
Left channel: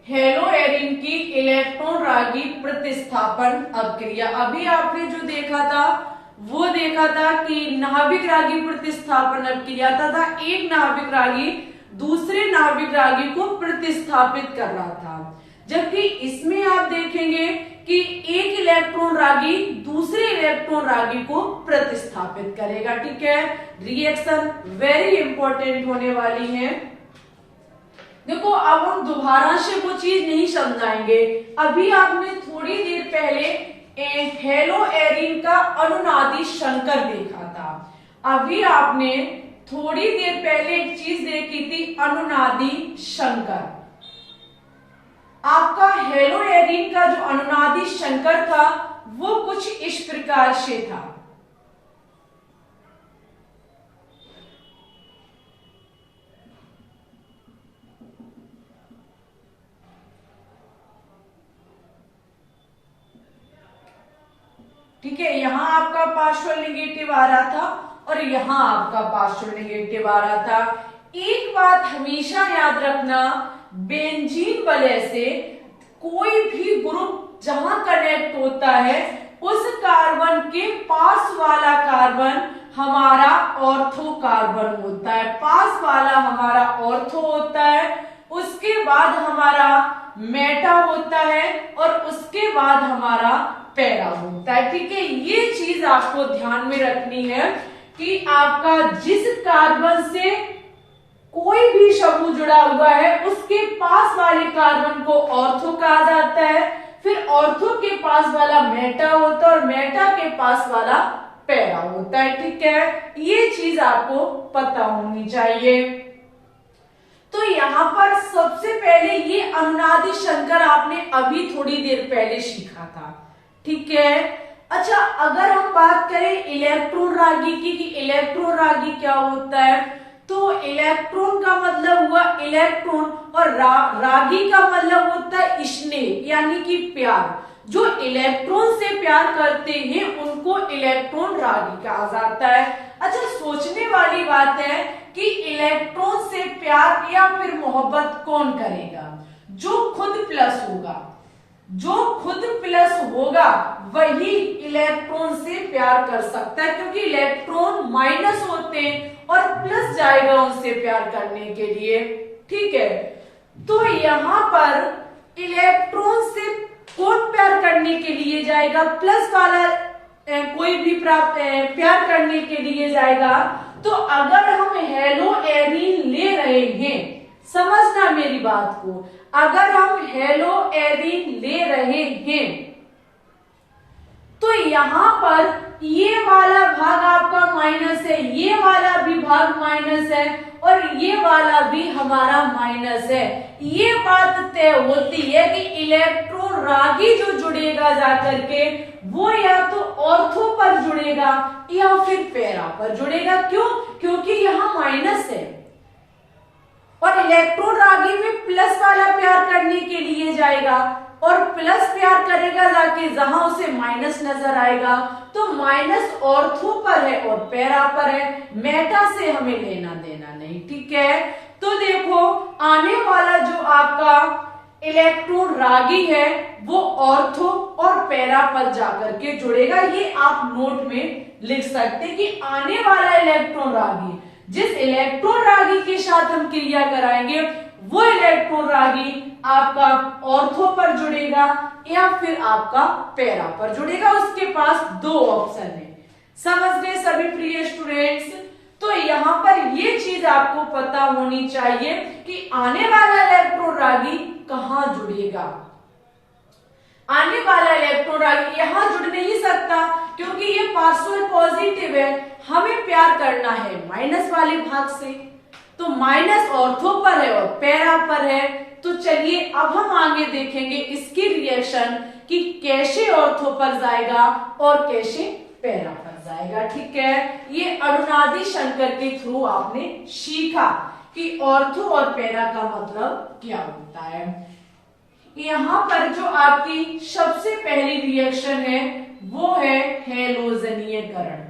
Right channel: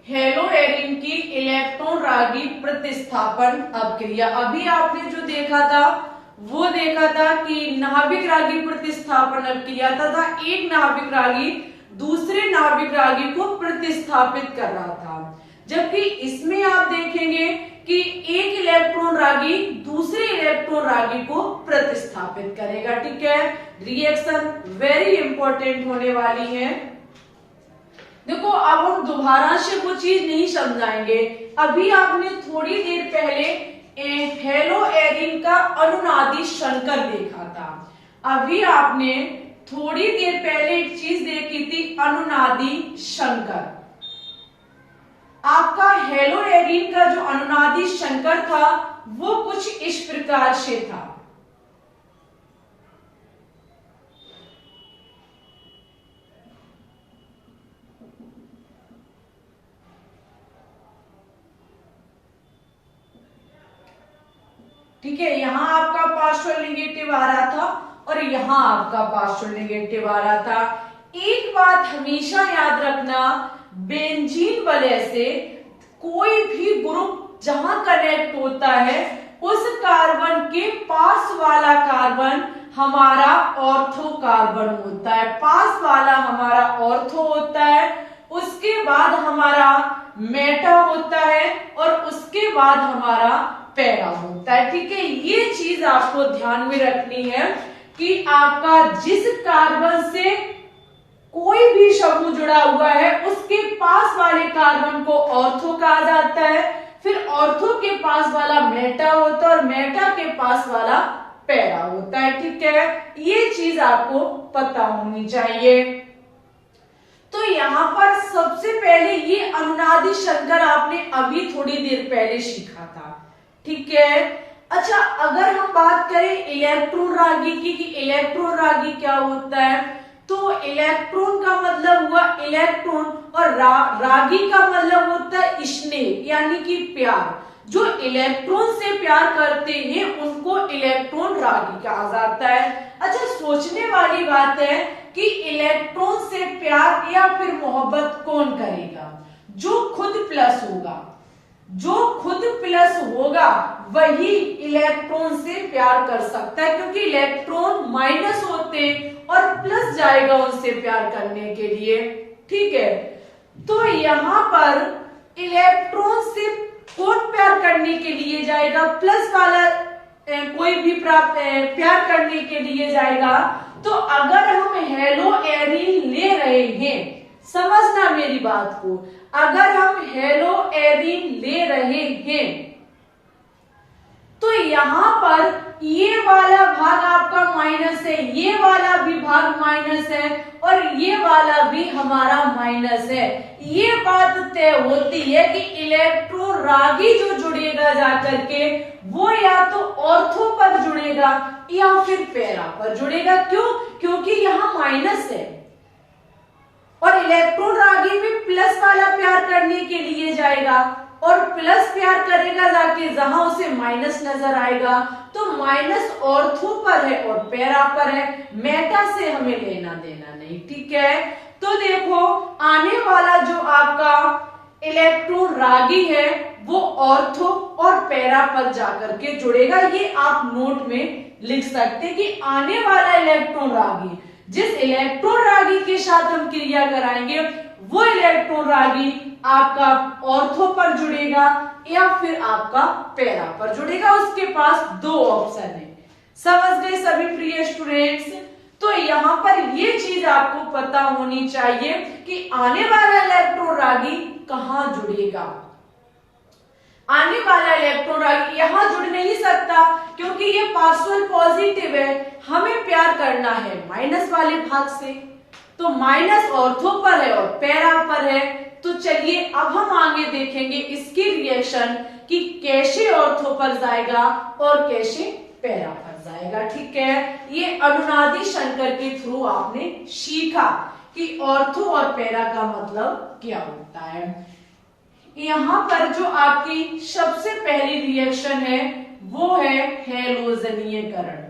हेलो एरिन की इलेक्ट्रॉन रागी प्रतिस्थापन अवक्रिया। अभी आपने जो देखा था वो देखा था कि नाभिक रागी प्रतिस्थापन अवक्रिया तथा एक नाभिक रागी दूसरे नाभिक रागी को प्रतिस्थापित कर रहा था, जबकि इसमें आप देखेंगे कि एक इलेक्ट्रॉन रागी दूसरे इलेक्ट्रॉन रागी को प्रतिस्थापित करेगा। ठीक है, रिएक्शन वेरी इंपॉर्टेंट होने वाली है। देखो, अब हम दोबारा से वो चीज नहीं समझाएंगे। अभी आपने थोड़ी देर पहले हेलो एरिन का अनुनादी संकर देखा था। अभी आपने थोड़ी देर पहले एक चीज देखी थी, अनुनादी संकर। आपका हेलो एरिन का जो अनुनादी संकर था वो कुछ इस प्रकार से था। ठीक है, यहां आपका पार्शियल नेगेटिव आ रहा था और यहां आपका पार्शियल नेगेटिव आ रहा था। एक बात हमेशा याद रखना, बेंजीन वलय से कोई भी ग्रुप जहां कनेक्ट होता है उस कार्बन के पास वाला कार्बन हमारा ऑर्थो कार्बन होता है, पास वाला हमारा ऑर्थो होता है, उसके बाद हमारा मेटा होता है और उसके बाद हमारा पैरा होता है। ठीक है, ये चीज आपको ध्यान में रखनी है कि आपका जिस कार्बन से कोई भी समूह जुड़ा हुआ है उसके पास वाले कार्बन को ऑर्थो कहा जाता है, फिर ऑर्थो के पास वाला मेटा होता है और मेटा के पास वाला पैरा होता है। ठीक है, ये चीज आपको पता होनी चाहिए। तो यहां पर सबसे पहले ये अनुनादी शंकर आपने अभी थोड़ी देर पहले सीखा था। ठीक है, अच्छा अगर हम बात करें इलेक्ट्रॉन रागी की कि इलेक्ट्रॉन रागी क्या होता है, तो इलेक्ट्रॉन का मतलब हुआ इलेक्ट्रॉन और रागी का मतलब होता है स्नेह यानी कि प्यार। जो इलेक्ट्रॉन से प्यार करते हैं उनको इलेक्ट्रॉन रागी कहा जाता है। अच्छा सोचने वाली बात है कि इलेक्ट्रॉन से प्यार या फिर मोहब्बत कौन करेगा? जो खुद प्लस होगा, जो खुद प्लस होगा वही इलेक्ट्रॉन से प्यार कर सकता है, क्योंकि इलेक्ट्रॉन माइनस होते हैं और प्लस जाएगा उनसे प्यार करने के लिए। ठीक है, तो यहां पर इलेक्ट्रॉन से कौन प्यार करने के लिए जाएगा? प्लस वाला कोई भी प्यार करने के लिए जाएगा। तो अगर हम हेलो एरीन ले रहे हैं, समझना मेरी बात को, अगर हम हेलो एरीन ले रहे हैं तो यहां पर ये वाला भाग आपका माइनस है, ये वाला भी भाग माइनस है और ये वाला भी हमारा माइनस है। ये बात तय होती है कि इलेक्ट्रॉन रागी जो जुड़ेगा जाकर के वो या तो ऑर्थो पर जुड़ेगा या फिर पैरा पर जुड़ेगा। क्यों? क्योंकि यहाँ माइनस है और इलेक्ट्रॉन रागी में प्लस वाला प्यार करने के लिए जाएगा और प्लस प्यार करेगा जाके जहां उसे माइनस नजर आएगा। तो माइनस ऑर्थो पर है और पैरा पर है, मेटा से हमें लेना देना नहीं। ठीक है, तो देखो आने वाला जो आपका इलेक्ट्रॉन रागी है वो ऑर्थो और पैरा पर जाकर के जुड़ेगा। ये आप नोट में लिख सकते हैं कि आने वाला इलेक्ट्रॉन रागी, जिस इलेक्ट्रॉन रागी के साथ हम क्रिया कराएंगे वो इलेक्ट्रॉन रागी आपका ऑर्थो पर जुड़ेगा या फिर आपका पैरा पर जुड़ेगा। उसके पास दो ऑप्शन है। समझ गए सभी प्रिय स्टूडेंट्स? तो यहाँ पर ये चीज आपको पता होनी चाहिए कि आने वाला इलेक्ट्रॉन रागी कहाँ जुड़ेगा। आने वाला इलेक्ट्रॉन रागी यहाँ जुड़ नहीं सकता क्योंकि ये पार्शियल पॉजिटिव है, हमें प्यार करना है माइनस वाले भाग से, तो माइनस ऑर्थो पर है और पैरा पर है। तो चलिए अब हम आगे देखेंगे इसकी रिएक्शन कि कैसे ऑर्थो पर जाएगा और कैसे पैरा पर जाएगा। ठीक है, ये अनुनादी शंकर के थ्रू आपने सीखा कि ऑर्थो और पैरा का मतलब क्या होता है। यहाँ पर जो आपकी सबसे पहली रिएक्शन है वो है हैलोजनीयकरण।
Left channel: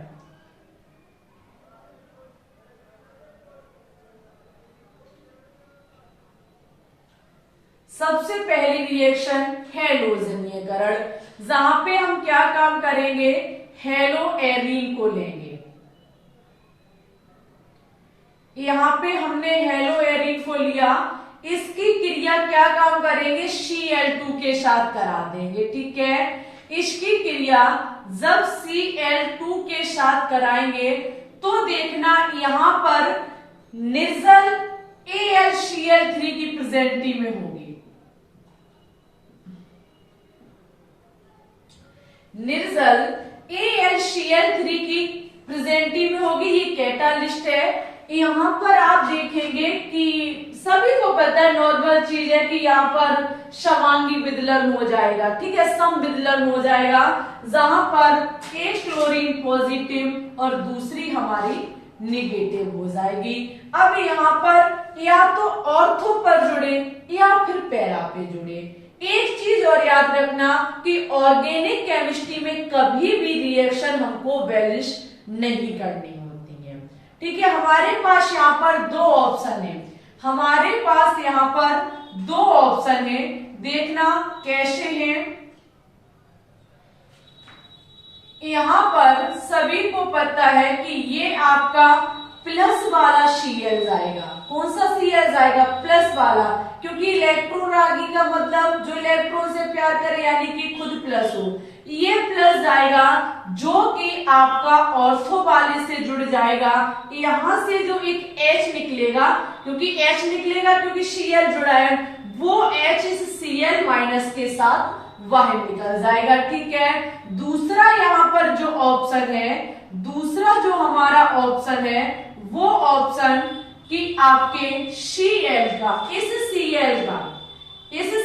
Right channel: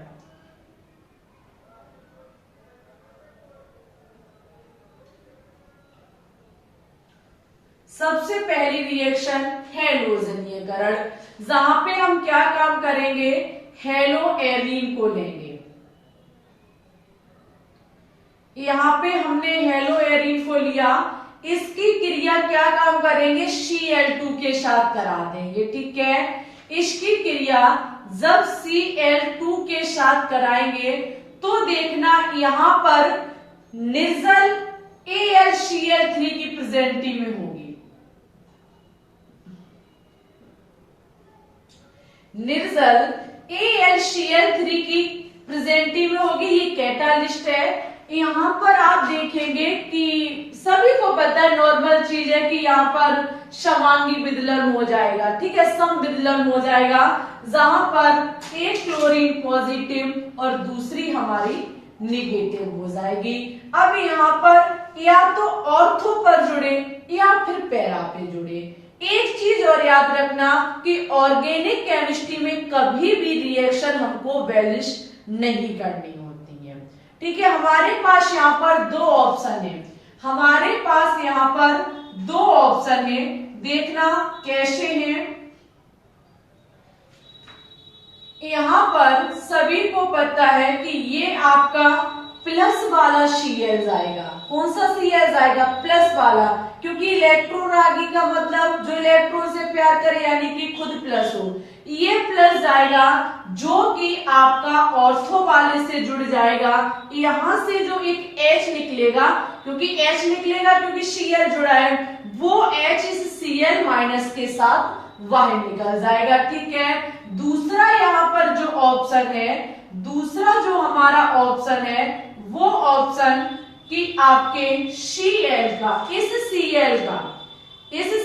सबसे पहली रिएक्शन हैलोजनीयकरण, जहां पे हम क्या काम करेंगे, हेलो एरीन को लेंगे। यहां पे हमने हेलो एरीन को लिया, इसकी क्रिया क्या काम करेंगे, Cl2 के साथ करा देंगे। ठीक है, इसकी क्रिया जब Cl2 के साथ कराएंगे तो देखना यहां पर निर्जल AlCl3 की प्रेजेंटी में होगी। निर्जल AlCl3 की प्रेजेंटी में होगी, ये कैटालिस्ट है। यहाँ पर आप देखेंगे कि सभी को पता है, नॉर्मल चीज है कि यहाँ पर समांगी विदलन हो जाएगा। ठीक है, सम विदलन हो जाएगा जहां पर एक क्लोरीन पॉजिटिव और दूसरी हमारी निगेटिव हो जाएगी। अब यहाँ पर या तो ऑर्थो पर जुड़े या फिर पैरा पे जुड़े। एक चीज और याद रखना कि ऑर्गेनिक केमिस्ट्री में कभी भी रिएक्शन हमको बैलेंस नहीं करनी होती है। ठीक है, हमारे पास यहाँ पर दो ऑप्शन है, हमारे पास यहाँ पर दो ऑप्शन है, देखना कैसे है। यहाँ पर सभी को पता है कि ये आपका प्लस वाला Cl जाएगा। कौन सा Cl जाएगा? प्लस वाला, क्योंकि इलेक्ट्रॉन रागी का मतलब जो इलेक्ट्रॉन से प्यार करे यानी कि खुद प्लस हो। ये प्लस जाएगा जो कि आपका ऑर्थो वाले से जुड़ जाएगा। यहां से जो एक H निकलेगा, क्योंकि H निकलेगा क्योंकि Cl जुड़ा है, वो H इस Cl माइनस के साथ बाहर निकल जाएगा। ठीक है, दूसरा यहाँ पर जो ऑप्शन है, दूसरा जो हमारा ऑप्शन है वो ऑप्शन कि आपके Cl का, इस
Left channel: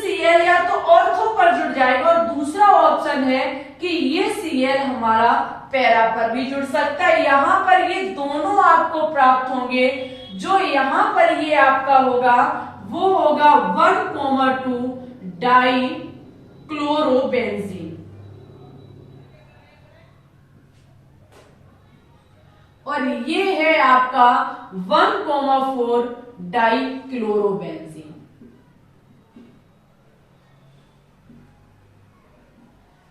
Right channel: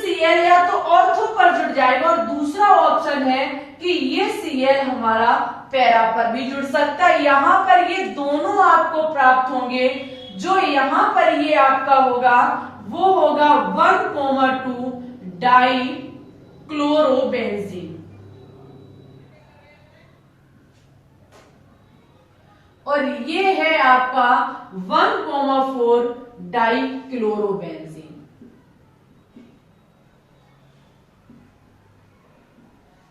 Cl या तो ऑर्थो पर जुड़ जाएगा, और दूसरा ऑप्शन है कि ये Cl हमारा पैरा पर भी जुड़ सकता है। यहाँ पर ये दोनों आपको प्राप्त होंगे। जो यहाँ पर ये आपका होगा वो होगा 1,2 डाई क्लोरोबेंजीन, और ये है आपका 1,4 डाई क्लोरोबेंजीन।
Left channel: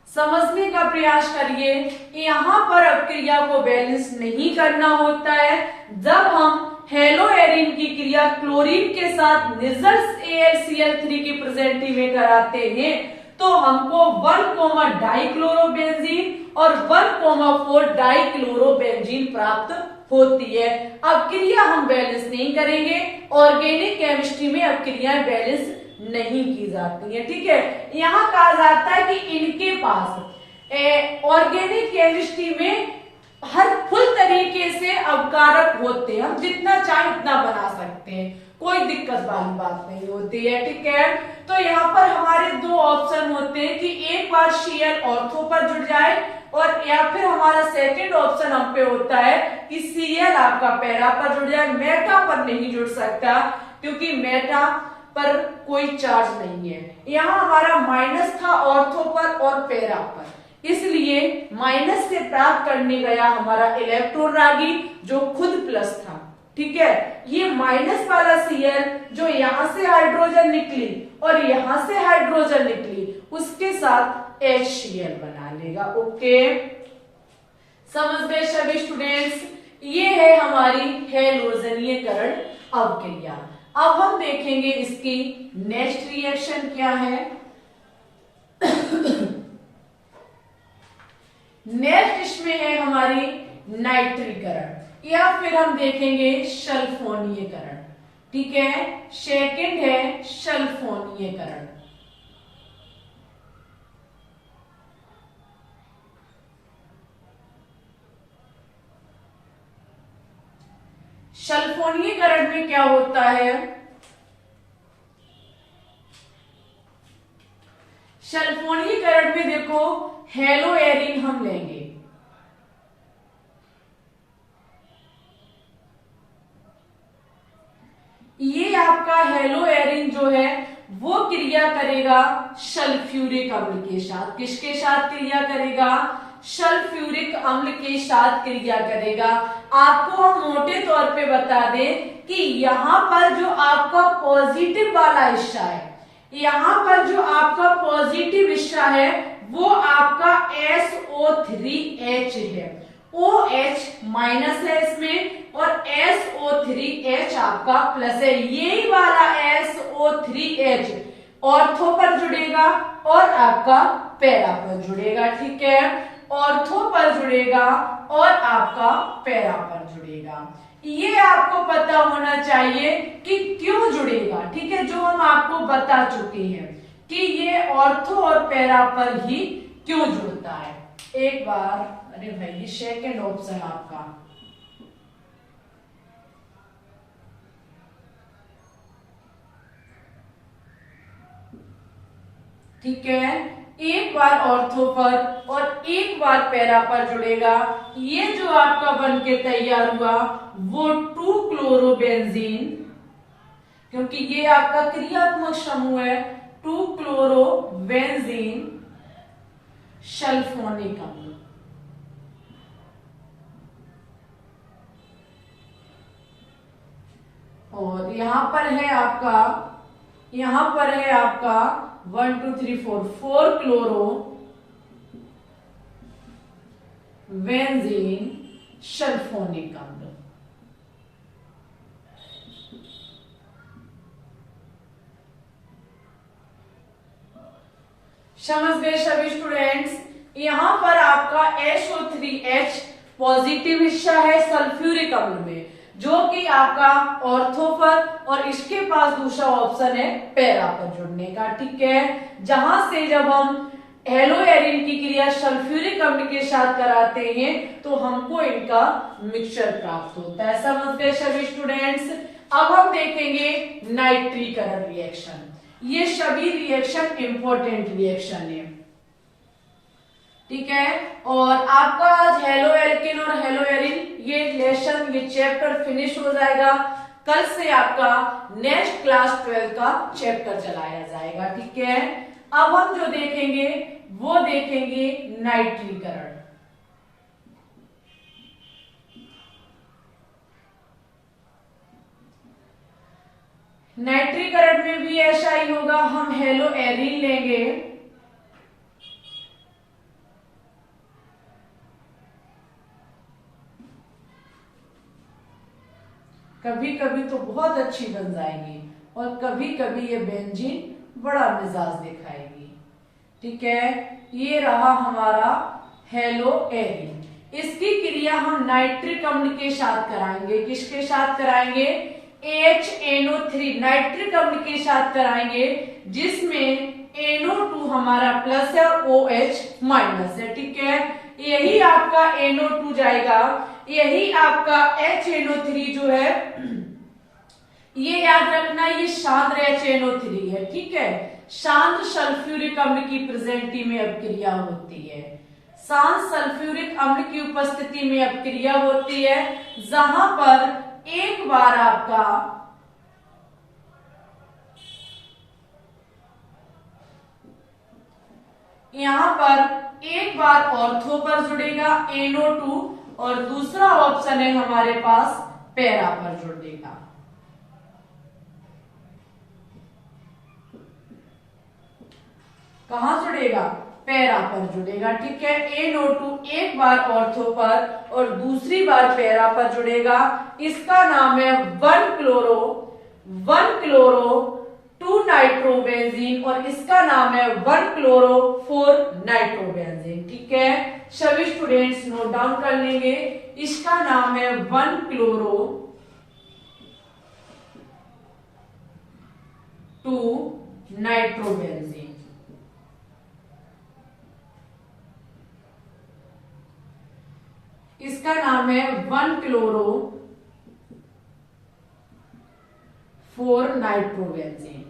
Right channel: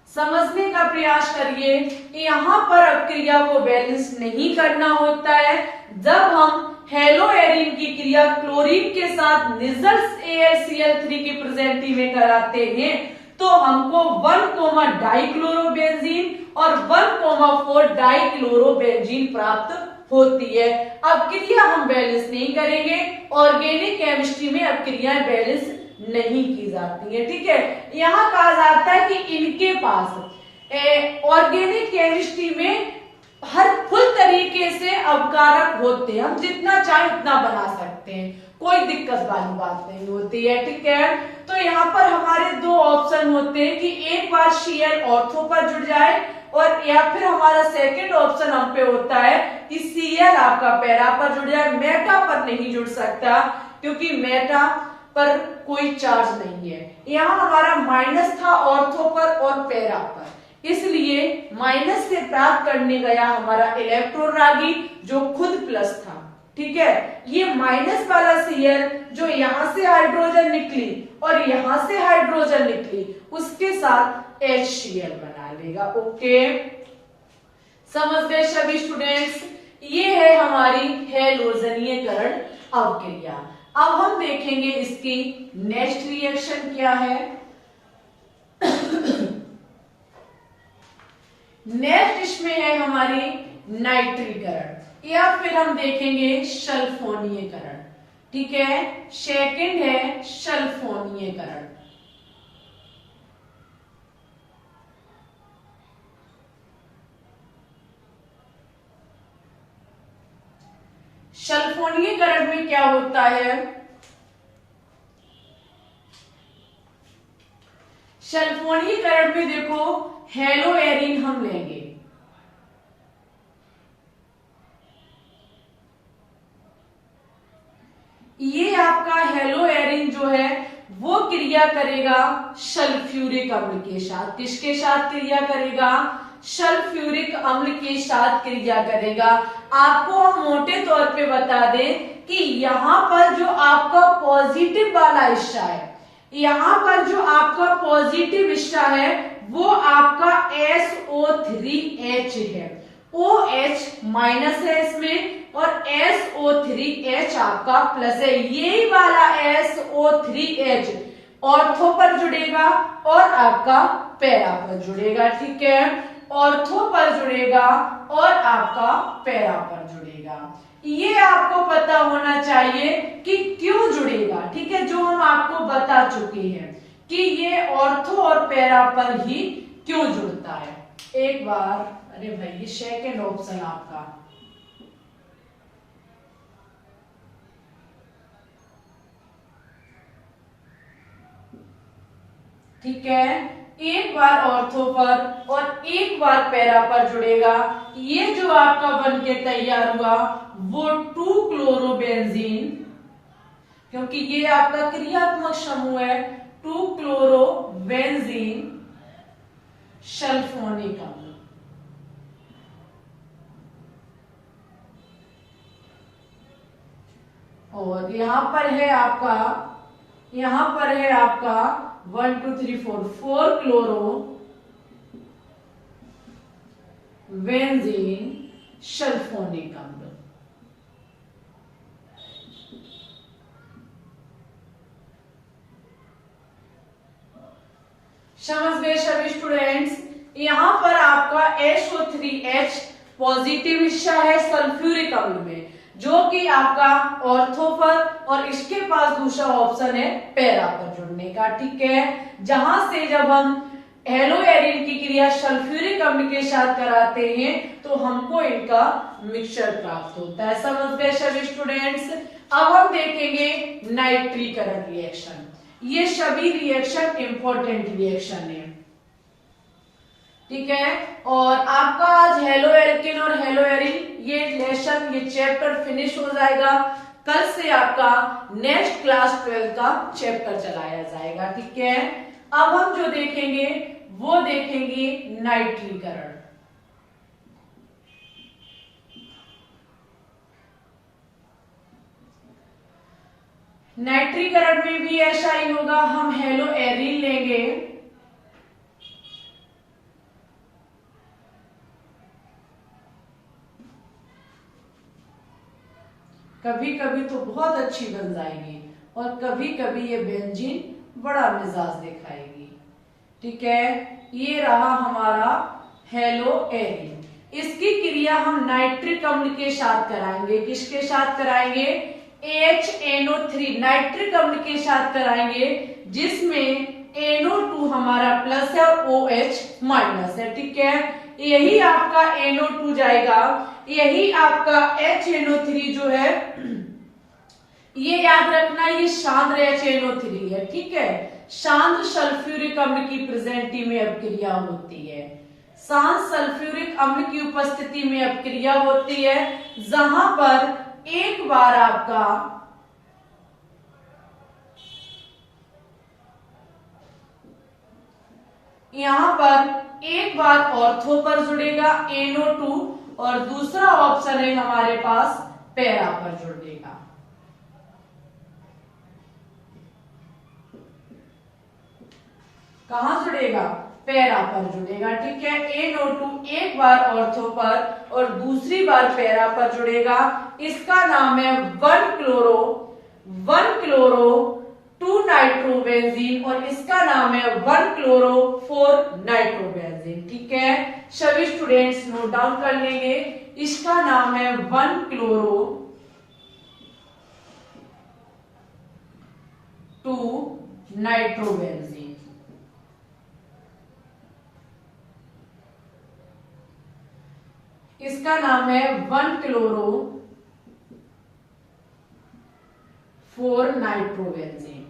समझने का प्रयास करिए, यहाँ पर अपक्रिया को बैलेंस नहीं करना होता है। जब हम हेलो एरिन की क्रिया क्लोरीन के साथ निजल्स AlCl3 की प्रेजेंटी में कराते हैं तो हमको 1, डाइक्लोरोबेंजीन और 1,4 डाइक्लोरोबेंजीन प्राप्त होती है। अब क्रिया हम बैलेंस नहीं करेंगे, ऑर्गेनिक केमिस्ट्री में अब क्रियाएं बैलेंस नहीं की जाती है। ठीक है, यहाँ कहा जाता है कि इनके पास ऑर्गेनिक केमिस्ट्री में हर फुल तरीके से अपकारक होते हैं, हम जितना चाहे उतना बना सकते हैं, कोई दिक्कत वाली बात नहीं होती है। ठीक है, तो यहाँ पर हमारे दो ऑप्शन होते हैं कि एक बार Cl ऑर्थो पर जुड़ जाए, और या फिर हमारा सेकंड ऑप्शन हम पे होता है कि Cl आपका पैरा पर जुड़ जाए, मेटा पर नहीं जुड़ सकता, क्योंकि मेटा पर कोई चार्ज नहीं है। यहाँ हमारा माइनस था ऑर्थो पर और पैरा पर, इसलिए माइनस से प्राप्त करने गया हमारा इलेक्ट्रॉन रागी जो खुद प्लस था। ठीक है, ये माइनस वाला Cl जो यहां से हाइड्रोजन निकली और यहां से हाइड्रोजन निकली, उसके साथ HCl बना लेगा। ओके, समझ गए सभी स्टूडेंट्स? ये है हमारी हैलोजनीयकरण अवक्रिया। अब हम देखेंगे इसकी नेक्स्ट रिएक्शन क्या है। नेक्स्ट इसमें है हमारी नाइट्रीकरण, या फिर हम देखेंगे सल्फोनीयकरण। ठीक है, सेकंड है सल्फोनीयकरण। सल्फोनीयकरण में क्या होता है? सल्फोनीयकरण में देखो, हेलो एरिन हम लेंगे, ये आपका हेलो एरिन जो है वो क्रिया करेगा सल्फ्यूरिक अम्ल के साथ। किसके साथ क्रिया करेगा? सल्फ्यूरिक अम्ल के साथ क्रिया करेगा। आपको हम मोटे तौर पे बता दें कि यहाँ पर जो आपका पॉजिटिव वाला हिस्सा है, यहाँ पर जो आपका पॉजिटिव हिस्सा है वो आपका SO3H है, OH माइनस है इसमें और SO3H आपका प्लस है। ये वाला SO3H ऑर्थो पर जुड़ेगा और आपका पैरा पर जुड़ेगा। ठीक है, ऑर्थो पर जुड़ेगा और आपका पैरा पर जुड़ेगा। ये आपको पता होना चाहिए कि क्यों जुड़ेगा। ठीक है, जो हम आपको बता चुके हैं कि ये ऑर्थो और पैरा पर ही क्यों जुड़ता है। एक बार, अरे भाई, ये सेकंड ऑप्शन आपका, ठीक है, एक बार ऑर्थो पर और एक बार पैरा पर जुड़ेगा। ये जो आपका बन के तैयार हुआ वो 2-क्लोरोबेंजीन, क्योंकि ये आपका क्रियात्मक समूह है, 2-क्लोरोबेंजीन सल्फोनिक अम्ल। और यहां पर है आपका 1 2 3 4 4 क्लोरो बेंजीन सल्फोनिक अम्ल। समझ गए सभी स्टूडेंट्स। यहां पर आपका SO3H पॉजिटिव हिस्सा है सल्फ्यूरिक अम्ल में, जो कि आपका ऑर्थो पर, और इसके पास दूसरा ऑप्शन है पैरा पर जुड़ने का। ठीक है, जहां से जब हम हेलोएरिन की क्रिया सल्फ्यूरिक अम्ल के साथ कराते हैं तो हमको इनका मिक्सचर प्राप्त होता है। समझ गए सभी स्टूडेंट्स। अब हम देखेंगे नाइट्रीकरण रिएक्शन। ये सभी रिएक्शन इंपॉर्टेंट रिएक्शन है। ठीक है, और आपका आज हेलो एल्केन और हेलोएरिन ये लेसन, ये चैप्टर फिनिश हो जाएगा। कल से आपका नेक्स्ट क्लास 12 का चैप्टर चलाया जाएगा। ठीक है, अब हम जो देखेंगे वो देखेंगे नाइट्रीकरण। नाइट्रीकरण में भी ऐसा ही होगा, हम हेलोएरिन लेंगे, कभी कभी तो बहुत अच्छी बन जाएगी और कभी कभी ये बेंजीन बड़ा मिजाज दिखाएगी। ठीक है, ये रहा हमारा हेलोएरिन। इसकी क्रिया हम नाइट्रिक अम्ल के साथ कराएंगे। किसके साथ कराएंगे? HNO3 नाइट्रिक अम्ल के साथ कराएंगे, जिसमें NO2 हमारा प्लस है और OH माइनस है। ठीक है, यही आपका NO2 जाएगा, यही आपका HNO3 जो है, ये याद रखना, ये शांत HNO3 है। ठीक है, शांत सल्फ्यूरिक अम्ल की प्रेजेंटी में अपक्रिया होती है। शांत सल्फ्यूरिक अम्ल की उपस्थिति में अपक्रिया होती है, जहां पर एक बार आपका यहां पर एक बार ऑर्थो पर जुड़ेगा NO2 और दूसरा ऑप्शन है हमारे पास पैरा पर जुड़ेगा। कहां जुड़ेगा? पैरा पर जुड़ेगा। ठीक है, NO2 एक बार ऑर्थो पर और दूसरी बार पैरा पर जुड़ेगा। इसका नाम है 1-क्लोरो 2 नाइट्रोबेंजीन और इसका नाम है 1-क्लोरो 4 नाइट्रोबेंजीन। ठीक है, सभी स्टूडेंट्स नोट डाउन कर लेंगे। इसका नाम है 1-क्लोरो 2 नाइट्रोबेंजीन। इसका नाम है 1-क्लोरो 4 नाइट्रोबेंजीन।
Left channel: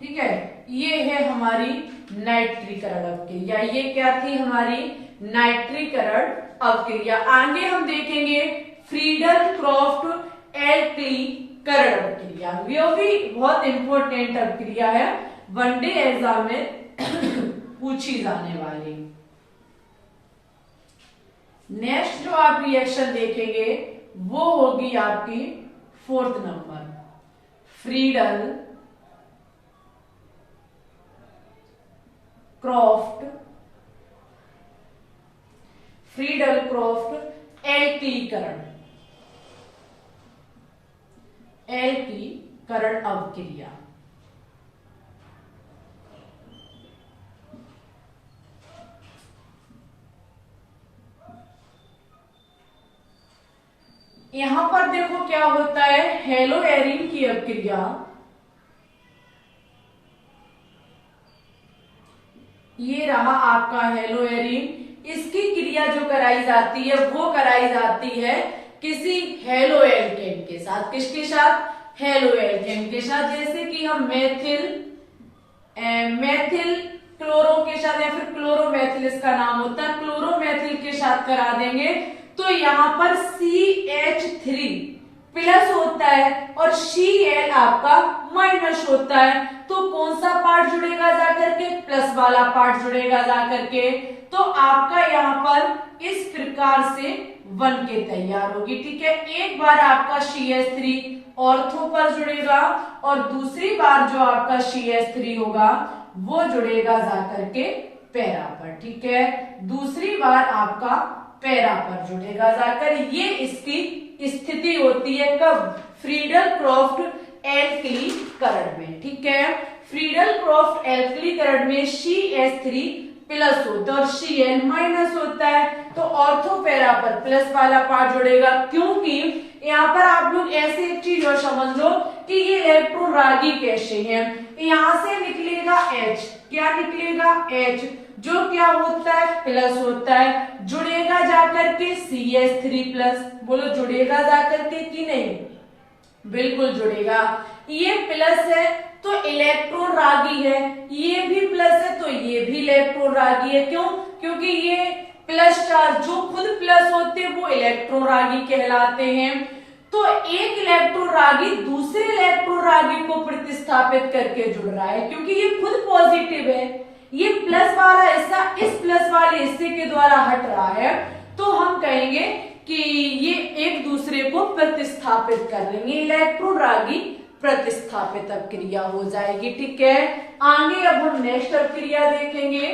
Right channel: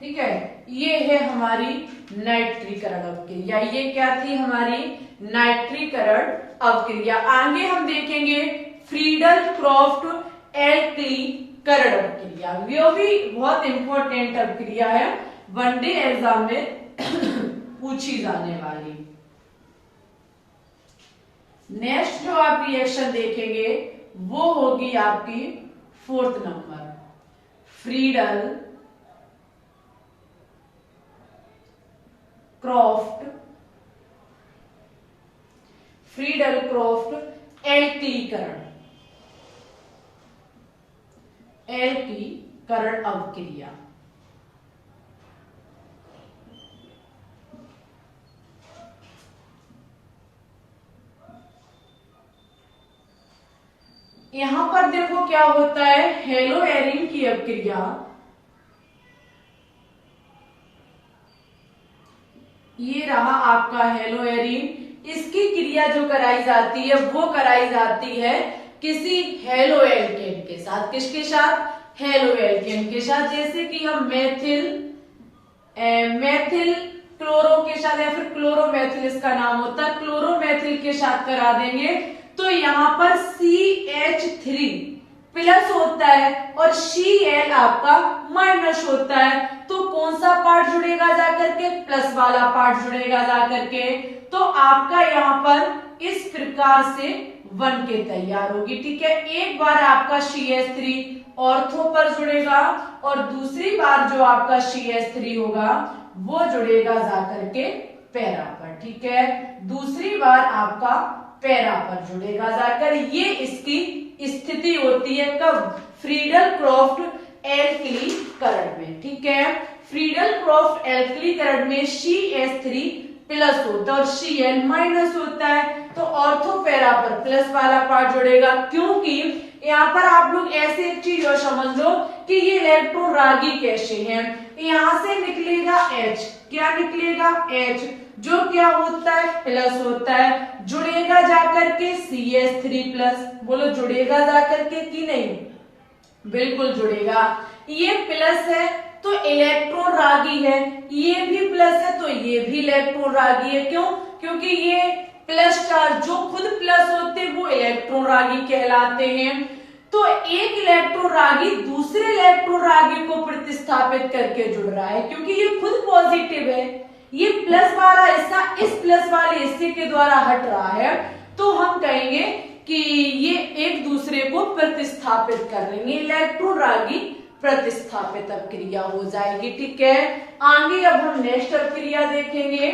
ठीक है, ये है हमारी नाइट्रीकरण अवक्रिया। ये क्या थी? हमारी नाइट्रीकरण अवक्रिया। आगे हम देखेंगे फ्रीडल क्रॉफ्ट एल्कलीकरण अवक्रिया। वो भी बहुत इंपॉर्टेंट अवक्रिया है, वनडे एग्जाम में पूछी जाने वाली। नेक्स्ट जो आप रिएक्शन देखेंगे वो होगी आपकी 4th नंबर, फ्रीडल क्रॉफ्ट एल्कीकरण अवक्रिया। यहां पर देखो क्या होता है, हेलोएरिन की अवक्रिया, ये रहा आपका हेलोएरिन। इसकी क्रिया जो कराई जाती है वो कराई जाती है किसी हेलोएल्केन के साथ। किसके साथ? हेलोएल्केन के साथ। जैसे कि हम मेथिल क्लोरो के साथ, या फिर क्लोरोमेथिल इसका नाम होता है, क्लोरोमेथिल के साथ करा देंगे तो यहाँ पर CH3 प्लस होता है और Cl आपका माइनस होता है। तो कौन सा पार्ट जुड़ेगा जाकर के? प्लस वाला पार्ट जुड़ेगा जाकर के। तो आपका यहाँ पर इस प्रकार से बन के तैयार होगी। ठीक है, एक बार आपका CH3 ऑर्थो पर जुड़ेगा और दूसरी बार जो आपका CH3 होगा वो जुड़ेगा जाकर के पैरा पर, ठीक है। दूसरी बार आपका पैरा पर जुड़ेगा जाकर, ये इसकी स्थिति होती है कब, फ्रीडल क्रॉफ्ट एल्कलीकरण में, ठीक है। फ्रीडल क्रॉफ्ट एल्कलीकरण में CH3 प्लस होता है और Cl माइनस होता है, तो ऑर्थो पैरा पर प्लस वाला पार्ट जुड़ेगा, क्योंकि यहाँ पर आप लोग ऐसे एक चीज और समझ लो कि ये इलेक्ट्रॉन रागी कैसे हैं। यहाँ से निकलेगा H, क्या निकलेगा H, जो क्या होता है प्लस होता है, जुड़ेगा जाकर के CH3 प्लस, बोलो जुड़ेगा जाकर के कि नहीं, बिल्कुल जुड़ेगा। ये प्लस है तो इलेक्ट्रॉन रागी है, ये भी प्लस है तो ये भी इलेक्ट्रॉन रागी है, क्यों, क्योंकि ये प्लस चार्ज जो खुद प्लस होते हैं वो इलेक्ट्रॉन रागी कहलाते हैं। तो एक इलेक्ट्रॉन रागी दूसरे इलेक्ट्रॉन रागी को प्रतिस्थापित करके जुड़ रहा है, क्योंकि ये खुद पॉजिटिव है, ये प्लस वाला हिस्सा इस प्लस वाले हिस्से के द्वारा हट रहा है, तो हम कहेंगे कि ये एक दूसरे को प्रतिस्थापित कर लेंगे, इलेक्ट्रॉन रागी प्रतिस्थापित अपक्रिया हो जाएगी, ठीक है। आगे अब हम नेक्स्ट अपक्रिया देखेंगे।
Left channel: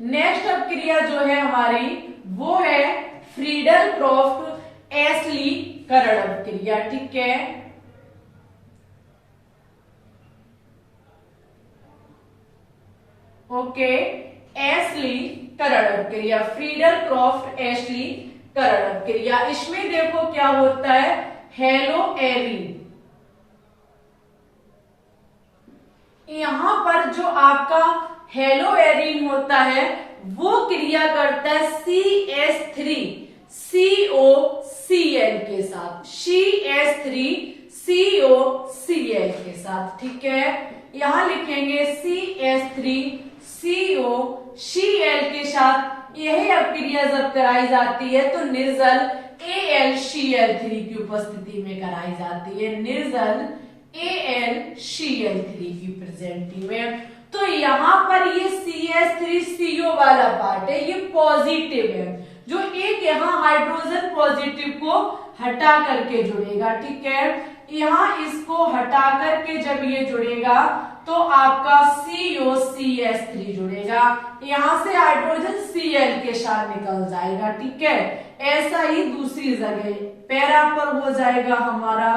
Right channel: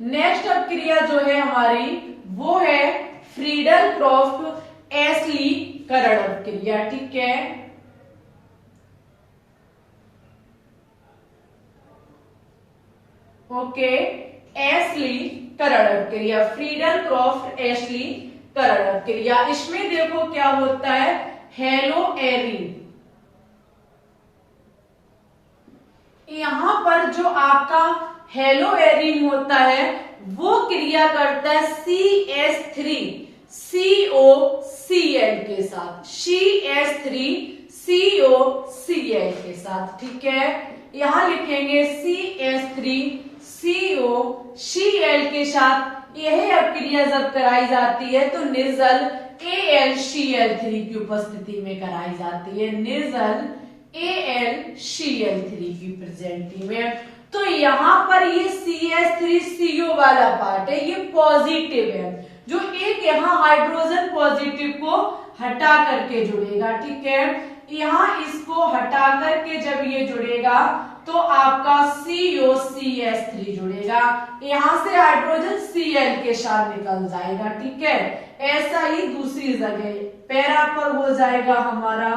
नेक्स्ट अपक्रिया जो है हमारी वो है फ्रीडल क्रॉफ्ट एल्कलीकरण अपक्रिया, ठीक है। ओके, एल्कलीकरण अपक्रिया, फ्रीडल क्रॉफ्ट एल्कलीकरण अपक्रिया, इसमें देखो क्या होता है, हेलो एरीन, यहां पर जो आपका हेलो एरीन होता है वो क्रिया करता है CH3 COCl के साथ, CH3 COCl के साथ, ठीक है। यहां लिखेंगे CH3 COCl के साथ, यही अपक्रिया जब कराई जाती है तो निर्जल AlCl3 की उपस्थिति में कराई जाती है, निर्जल AlCl3 की प्रेजेंटी में। तो यहाँ पर ये CH3CO वाला पार्ट है, ये पॉजिटिव है, जो एक यहाँ हाइड्रोजन पॉजिटिव को हटा करके जुड़ेगा, ठीक है। यहाँ इसको हटा करके जब ये जुड़ेगा तो आपका COCH3 जुड़ेगा, यहाँ से हाइड्रोजन Cl के साथ निकल जाएगा, ठीक है। ऐसा ही दूसरी जगह पैरा पर हो जाएगा हमारा,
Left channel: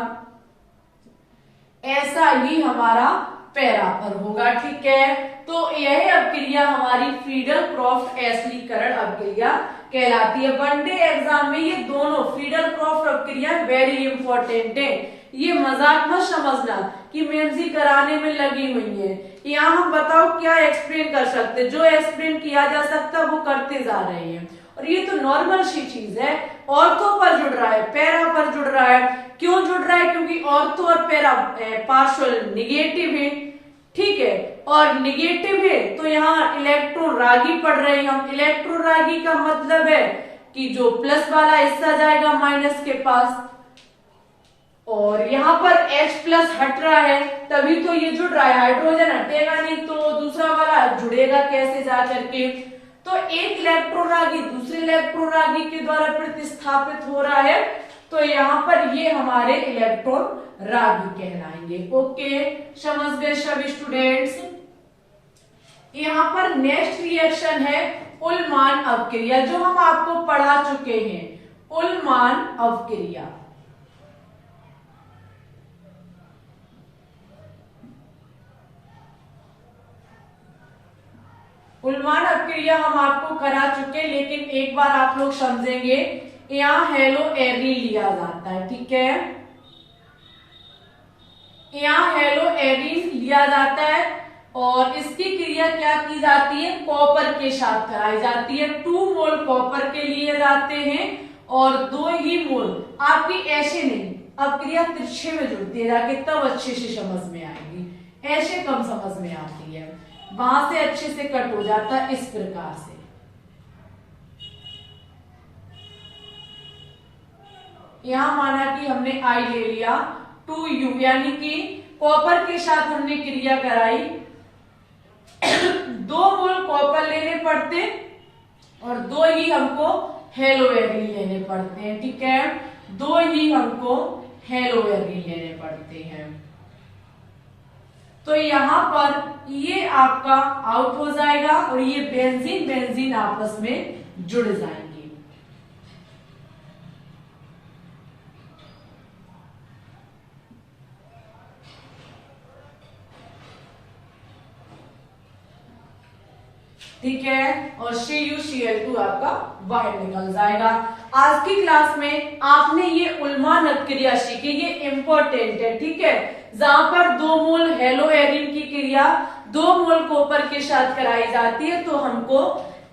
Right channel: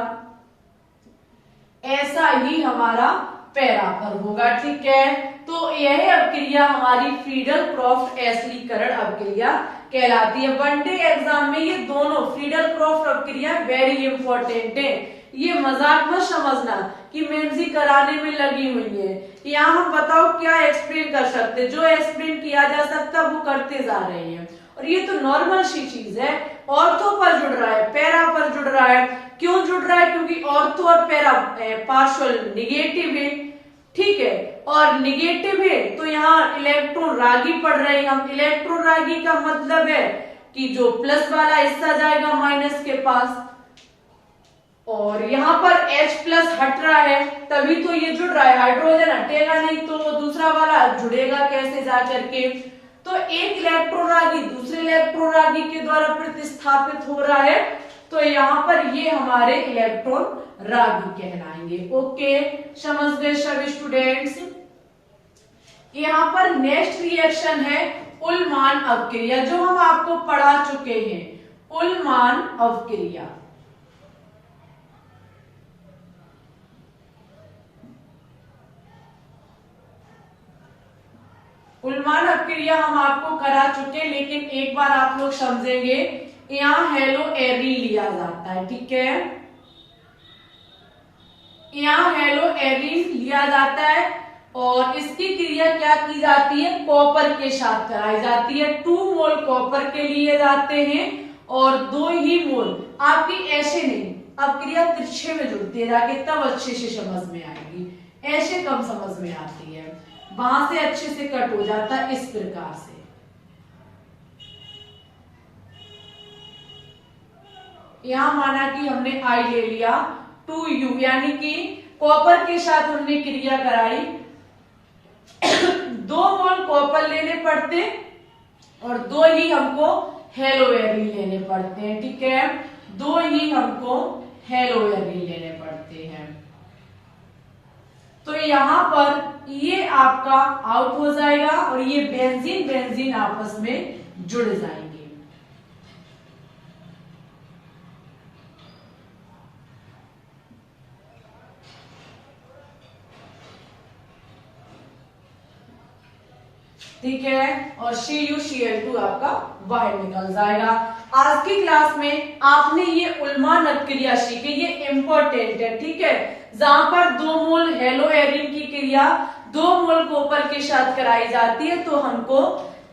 ऐसा ही हमारा पैरा पर होगा, ठीक है। तो यह अपक्रिया हमारी फ्रीडल क्रॉफ्ट एल्कलीकरण अपक्रिया कहलाती है। वनडे एग्जाम में ये दोनों फ्रीडल क्रॉफ्ट अपक्रिया वेरी इंपॉर्टेंट है, ये मजाक मत समझना कि मैम जी कराने में लगी हुई है। यहाँ हम बताओ क्या एक्सप्लेन कर सकते, जो एक्सप्लेन किया जा सकता वो करते जा रहे हैं, और ये तो नॉर्मल सी चीज है। ऑर्थो पर जुड़ रहा है, पैरा पर जुड़ रहा है, क्यों जुड़ रहा है, क्योंकि ऑर्थो और पैरा पार्शियल निगेटिव है, ठीक है, और निगेटिव है तो यहाँ इलेक्ट्रॉन रागी पड़ रहे हैं हम। इलेक्ट्रॉन रागी का मतलब है कि जो प्लस वाला हिस्सा जाएगा माइनस के पास, और यहाँ पर H प्लस हट रहा है तभी तो ये जुड़ रहा है, हाइड्रोजन हटेगा नहीं तो दूसरा वाला जुड़ेगा कैसे जा करके। तो एक इलेक्ट्रॉन रागी दूसरे इलेक्ट्रॉन रागी के द्वारा प्रतिस्थापित हो रहा है, तो यहाँ पर ये हमारे इलेक्ट्रॉन रागी कहलाएंगे। ओके, समझ गए सभी स्टूडेंट्स। यहाँ पर नेक्स्ट रिएक्शन है उल्मान अपक्रिया, जो हम आपको पढ़ा चुके हैं, उल्मान अपक्रिया। उल्मान अपक्रिया हम आपको करा चुके, लेकिन एक बार आप लोग समझेंगे, यहाँ हेलो एरीन लिया जाता है, ठीक है, यहाँ हेलो एरीन लिया जाता है और इसकी क्रिया क्या की जाती है, कॉपर के साथ कराई जाती है। 2 मोल कॉपर के लिए जाते हैं और 2 ही मोल आपकी ऐसे नहीं, अब क्रिया तिरछे में जुड़ती है जाके, तब अच्छे से समझ में आएगी, ऐसे कम समझ में आती है, वहां से अच्छे से कट हो जाता है इस प्रकार से। यहां माना कि हमने आई ले लिया 2U, यानी कि कॉपर के साथ हमने क्रिया कराई, 2 मोल कॉपर लेने पड़ते और 2 ही हमको हेलो एरीन लेने पड़ते हैं, ठीक है, 2 ही हमको हेलो एरिन लेने पड़ते हैं। तो यहां पर ये आपका आउट हो जाएगा और ये बेंजीन बेंजीन आपस में जुड़ जाएंगे। ठीक है, और CuCl2 आपका बाहर निकल जाएगा। आज की क्लास में आपने ये उल्मान क्रिया सीखी, ये इंपॉर्टेंट है। ठीक है, जहां पर 2 मोल हेलो एरिन की क्रिया 2 मोल कॉपर के साथ कराई जाती है तो हमको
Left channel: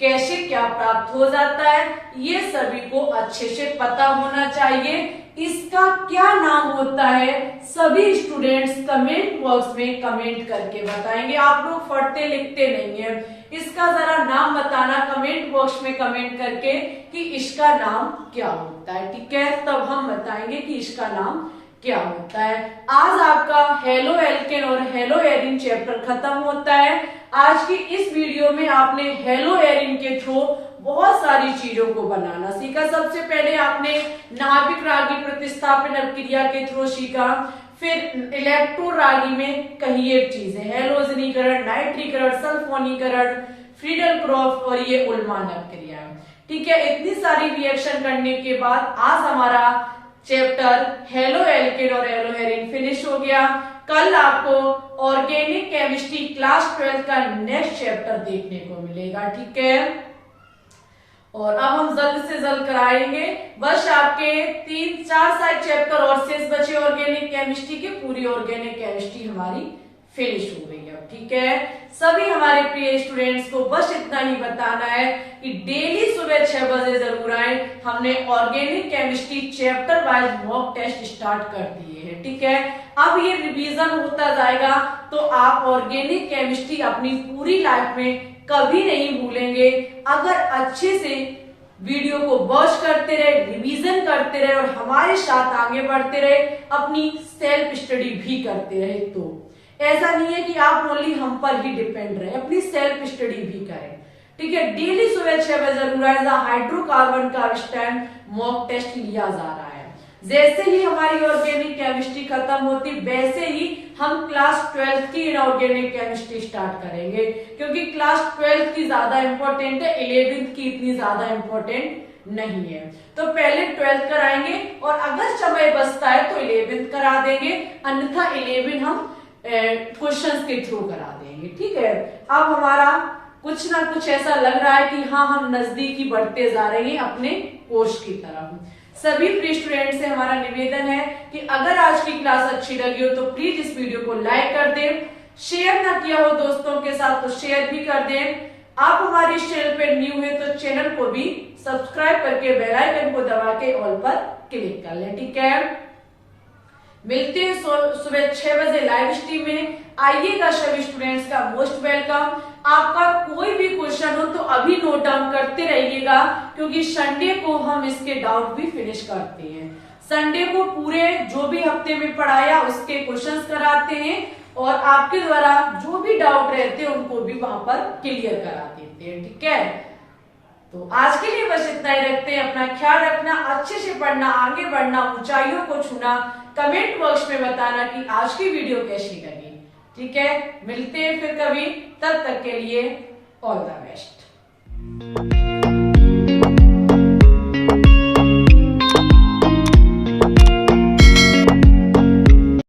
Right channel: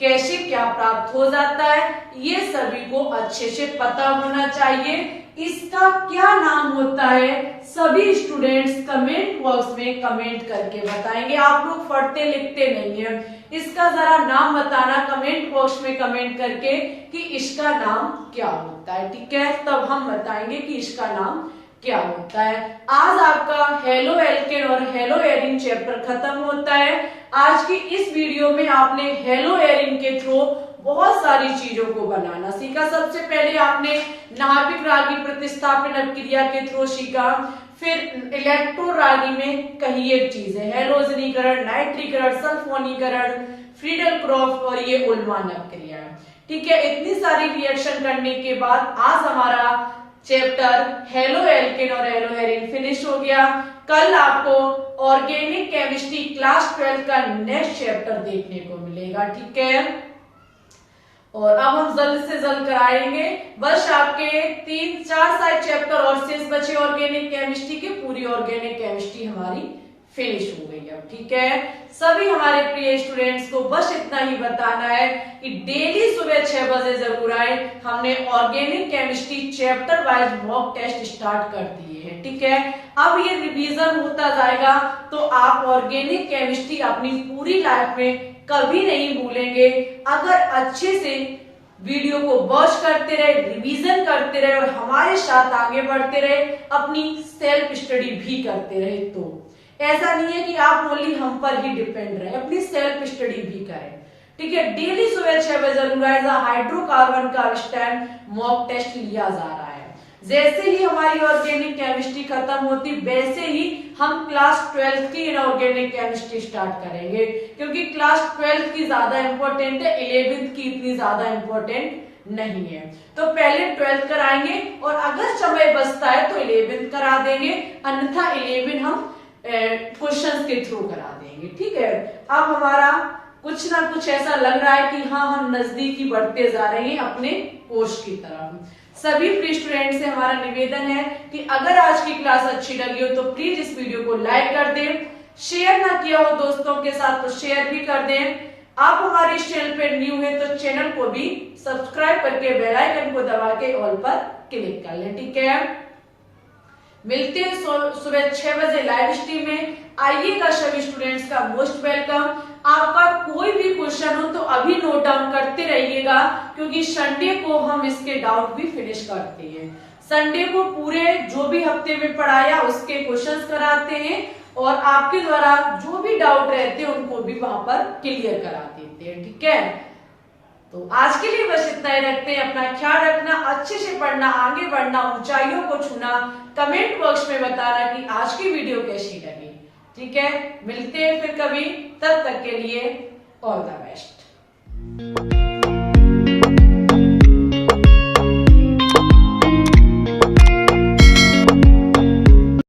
कैसे क्या प्राप्त हो जाता है, ये सभी को अच्छे से पता होना चाहिए। इसका क्या नाम होता है, सभी स्टूडेंट्स कमेंट बॉक्स में कमेंट करके बताएंगे। आप लोग पढ़ते लिखते नहीं है, इसका जरा नाम बताना कमेंट बॉक्स में कमेंट करके कि इसका नाम क्या होता है। ठीक है, तब हम बताएंगे कि इसका नाम क्या होता है। आज आपका हेलो एल्केन और हेलो एरिन चैप्टर खत्म होता है। आज की इस वीडियो में आपने हेलो एरिन के थ्रू बहुत सारी चीजों को बनाना सीखा। सबसे पहले आपने नाभिक रागी प्रतिस्थापन क्रिया के थ्रू सीखा, फिर इलेक्ट्रो रागी में कई एक चीजें, हैलोजनीकरण, नाइट्रीकरण, सल्फोनीकरण, फ्रीडल क्रॉफ और ये उल्मान क्रिया। ठीक है, इतनी सारी रिएक्शन करने के बाद आज हमारा चैप्टर हेलो एल्केन और हेलो एरिन फिनिश हो गया। कल आपको ऑर्गेनिक केमिस्ट्री क्लास 12 का नेक्स्ट चैप्टर देखने को मिलेगा। ठीक है, और अब हम जल्द से जल्द कराएंगे। बस आपके 3-4 साइड चैप्टर और शेष बचे ऑर्गेनिक केमिस्ट्री के, पूरी ऑर्गेनिक केमिस्ट्री हमारी फिनिश हो गई है। ठीक है, सभी हमारे प्रिय स्टूडेंट्स को बस इतना ही बताना है कि डेली सुबह 6 बजे जरूर आए। हमने organic chemistry chapter wise mock test start कर दिए हैं। ठीक है, अब ये रिवीजन होता जाएगा तो आप ऑर्गेनिक केमिस्ट्री अपनी पूरी लाइफ में कभी नहीं भूलेंगे। अगर अच्छे से वीडियो को वॉच करते रहे, रिवीजन करते रहे और हमारे साथ आगे बढ़ते रहे, अपनी सेल्फ स्टडी भी करते रहे, तो ऐसा नहीं है कि आप ओनली हम पर ही डिपेंड रहे, अपनी सेल्फ स्टडी भी करें। ठीक है, डेली सुबह 6 बजे जरूर आए। हाइड्रोकार्बन का इस टाइम मॉक टेस्ट लिया जा रहा है। जैसे ही हमारी ऑर्गेनिक केमिस्ट्री खत्म होती वैसे ही हम क्लास 12 की इनऑर्गेनिक केमिस्ट्री स्टार्ट करेंगे, क्योंकि क्लास 12 की ज्यादा इंपॉर्टेंट है, 11th की इतनी ज्यादा इंपॉर्टेंट नहीं है। तो पहले 12th कराएंगे और अगर समय बचता है तो 11th करा देंगे, अन्यथा 11 हम क्वेश्चंस के थ्रू करा देंगे। ठीक है, अब हमारा कुछ ना कुछ ऐसा लग रहा है कि हाँ, हम नजदीकी बढ़ते जा रहे हैं अपने कोर्स की तरफ। सभी प्री स्टूडेंट से हमारा निवेदन है कि अगर आज की क्लास अच्छी लगी हो तो प्लीज इस वीडियो को लाइक कर दें, शेयर ना किया हो दोस्तों के साथ तो शेयर भी कर दें। आप हमारे इस चैनल पे न्यू है तो चैनल को भी सब्सक्राइब करके बेल आइकन को दबा के ऑल पर क्लिक कर लें। ठीक है, मिलते हैं सुबह 6 बजे लाइव स्ट्रीम में। आइएगा, सभी स्टूडेंट्स का मोस्ट वेलकम। आपका कोई भी क्वेश्चन हो तो अभी नोट डाउन करते रहिएगा, क्योंकि संडे को हम इसके डाउट भी फिनिश करते हैं। संडे को पूरे जो भी हफ्ते में पढ़ाया उसके क्वेश्चंस कराते हैं और आपके द्वारा जो भी डाउट रहते हैं उनको भी वहां पर क्लियर करा देते हैं। ठीक है, तो आज के लिए बस इतना ही रखते हैं। अपना ख्याल रखना, अच्छे से पढ़ना, आगे बढ़ना, ऊंचाइयों को छूना। कमेंट बॉक्स में बताना कि आज की वीडियो कैसी लगी। ठीक है, मिलते हैं फिर कभी, तब तक के लिए ऑल द बेस्ट।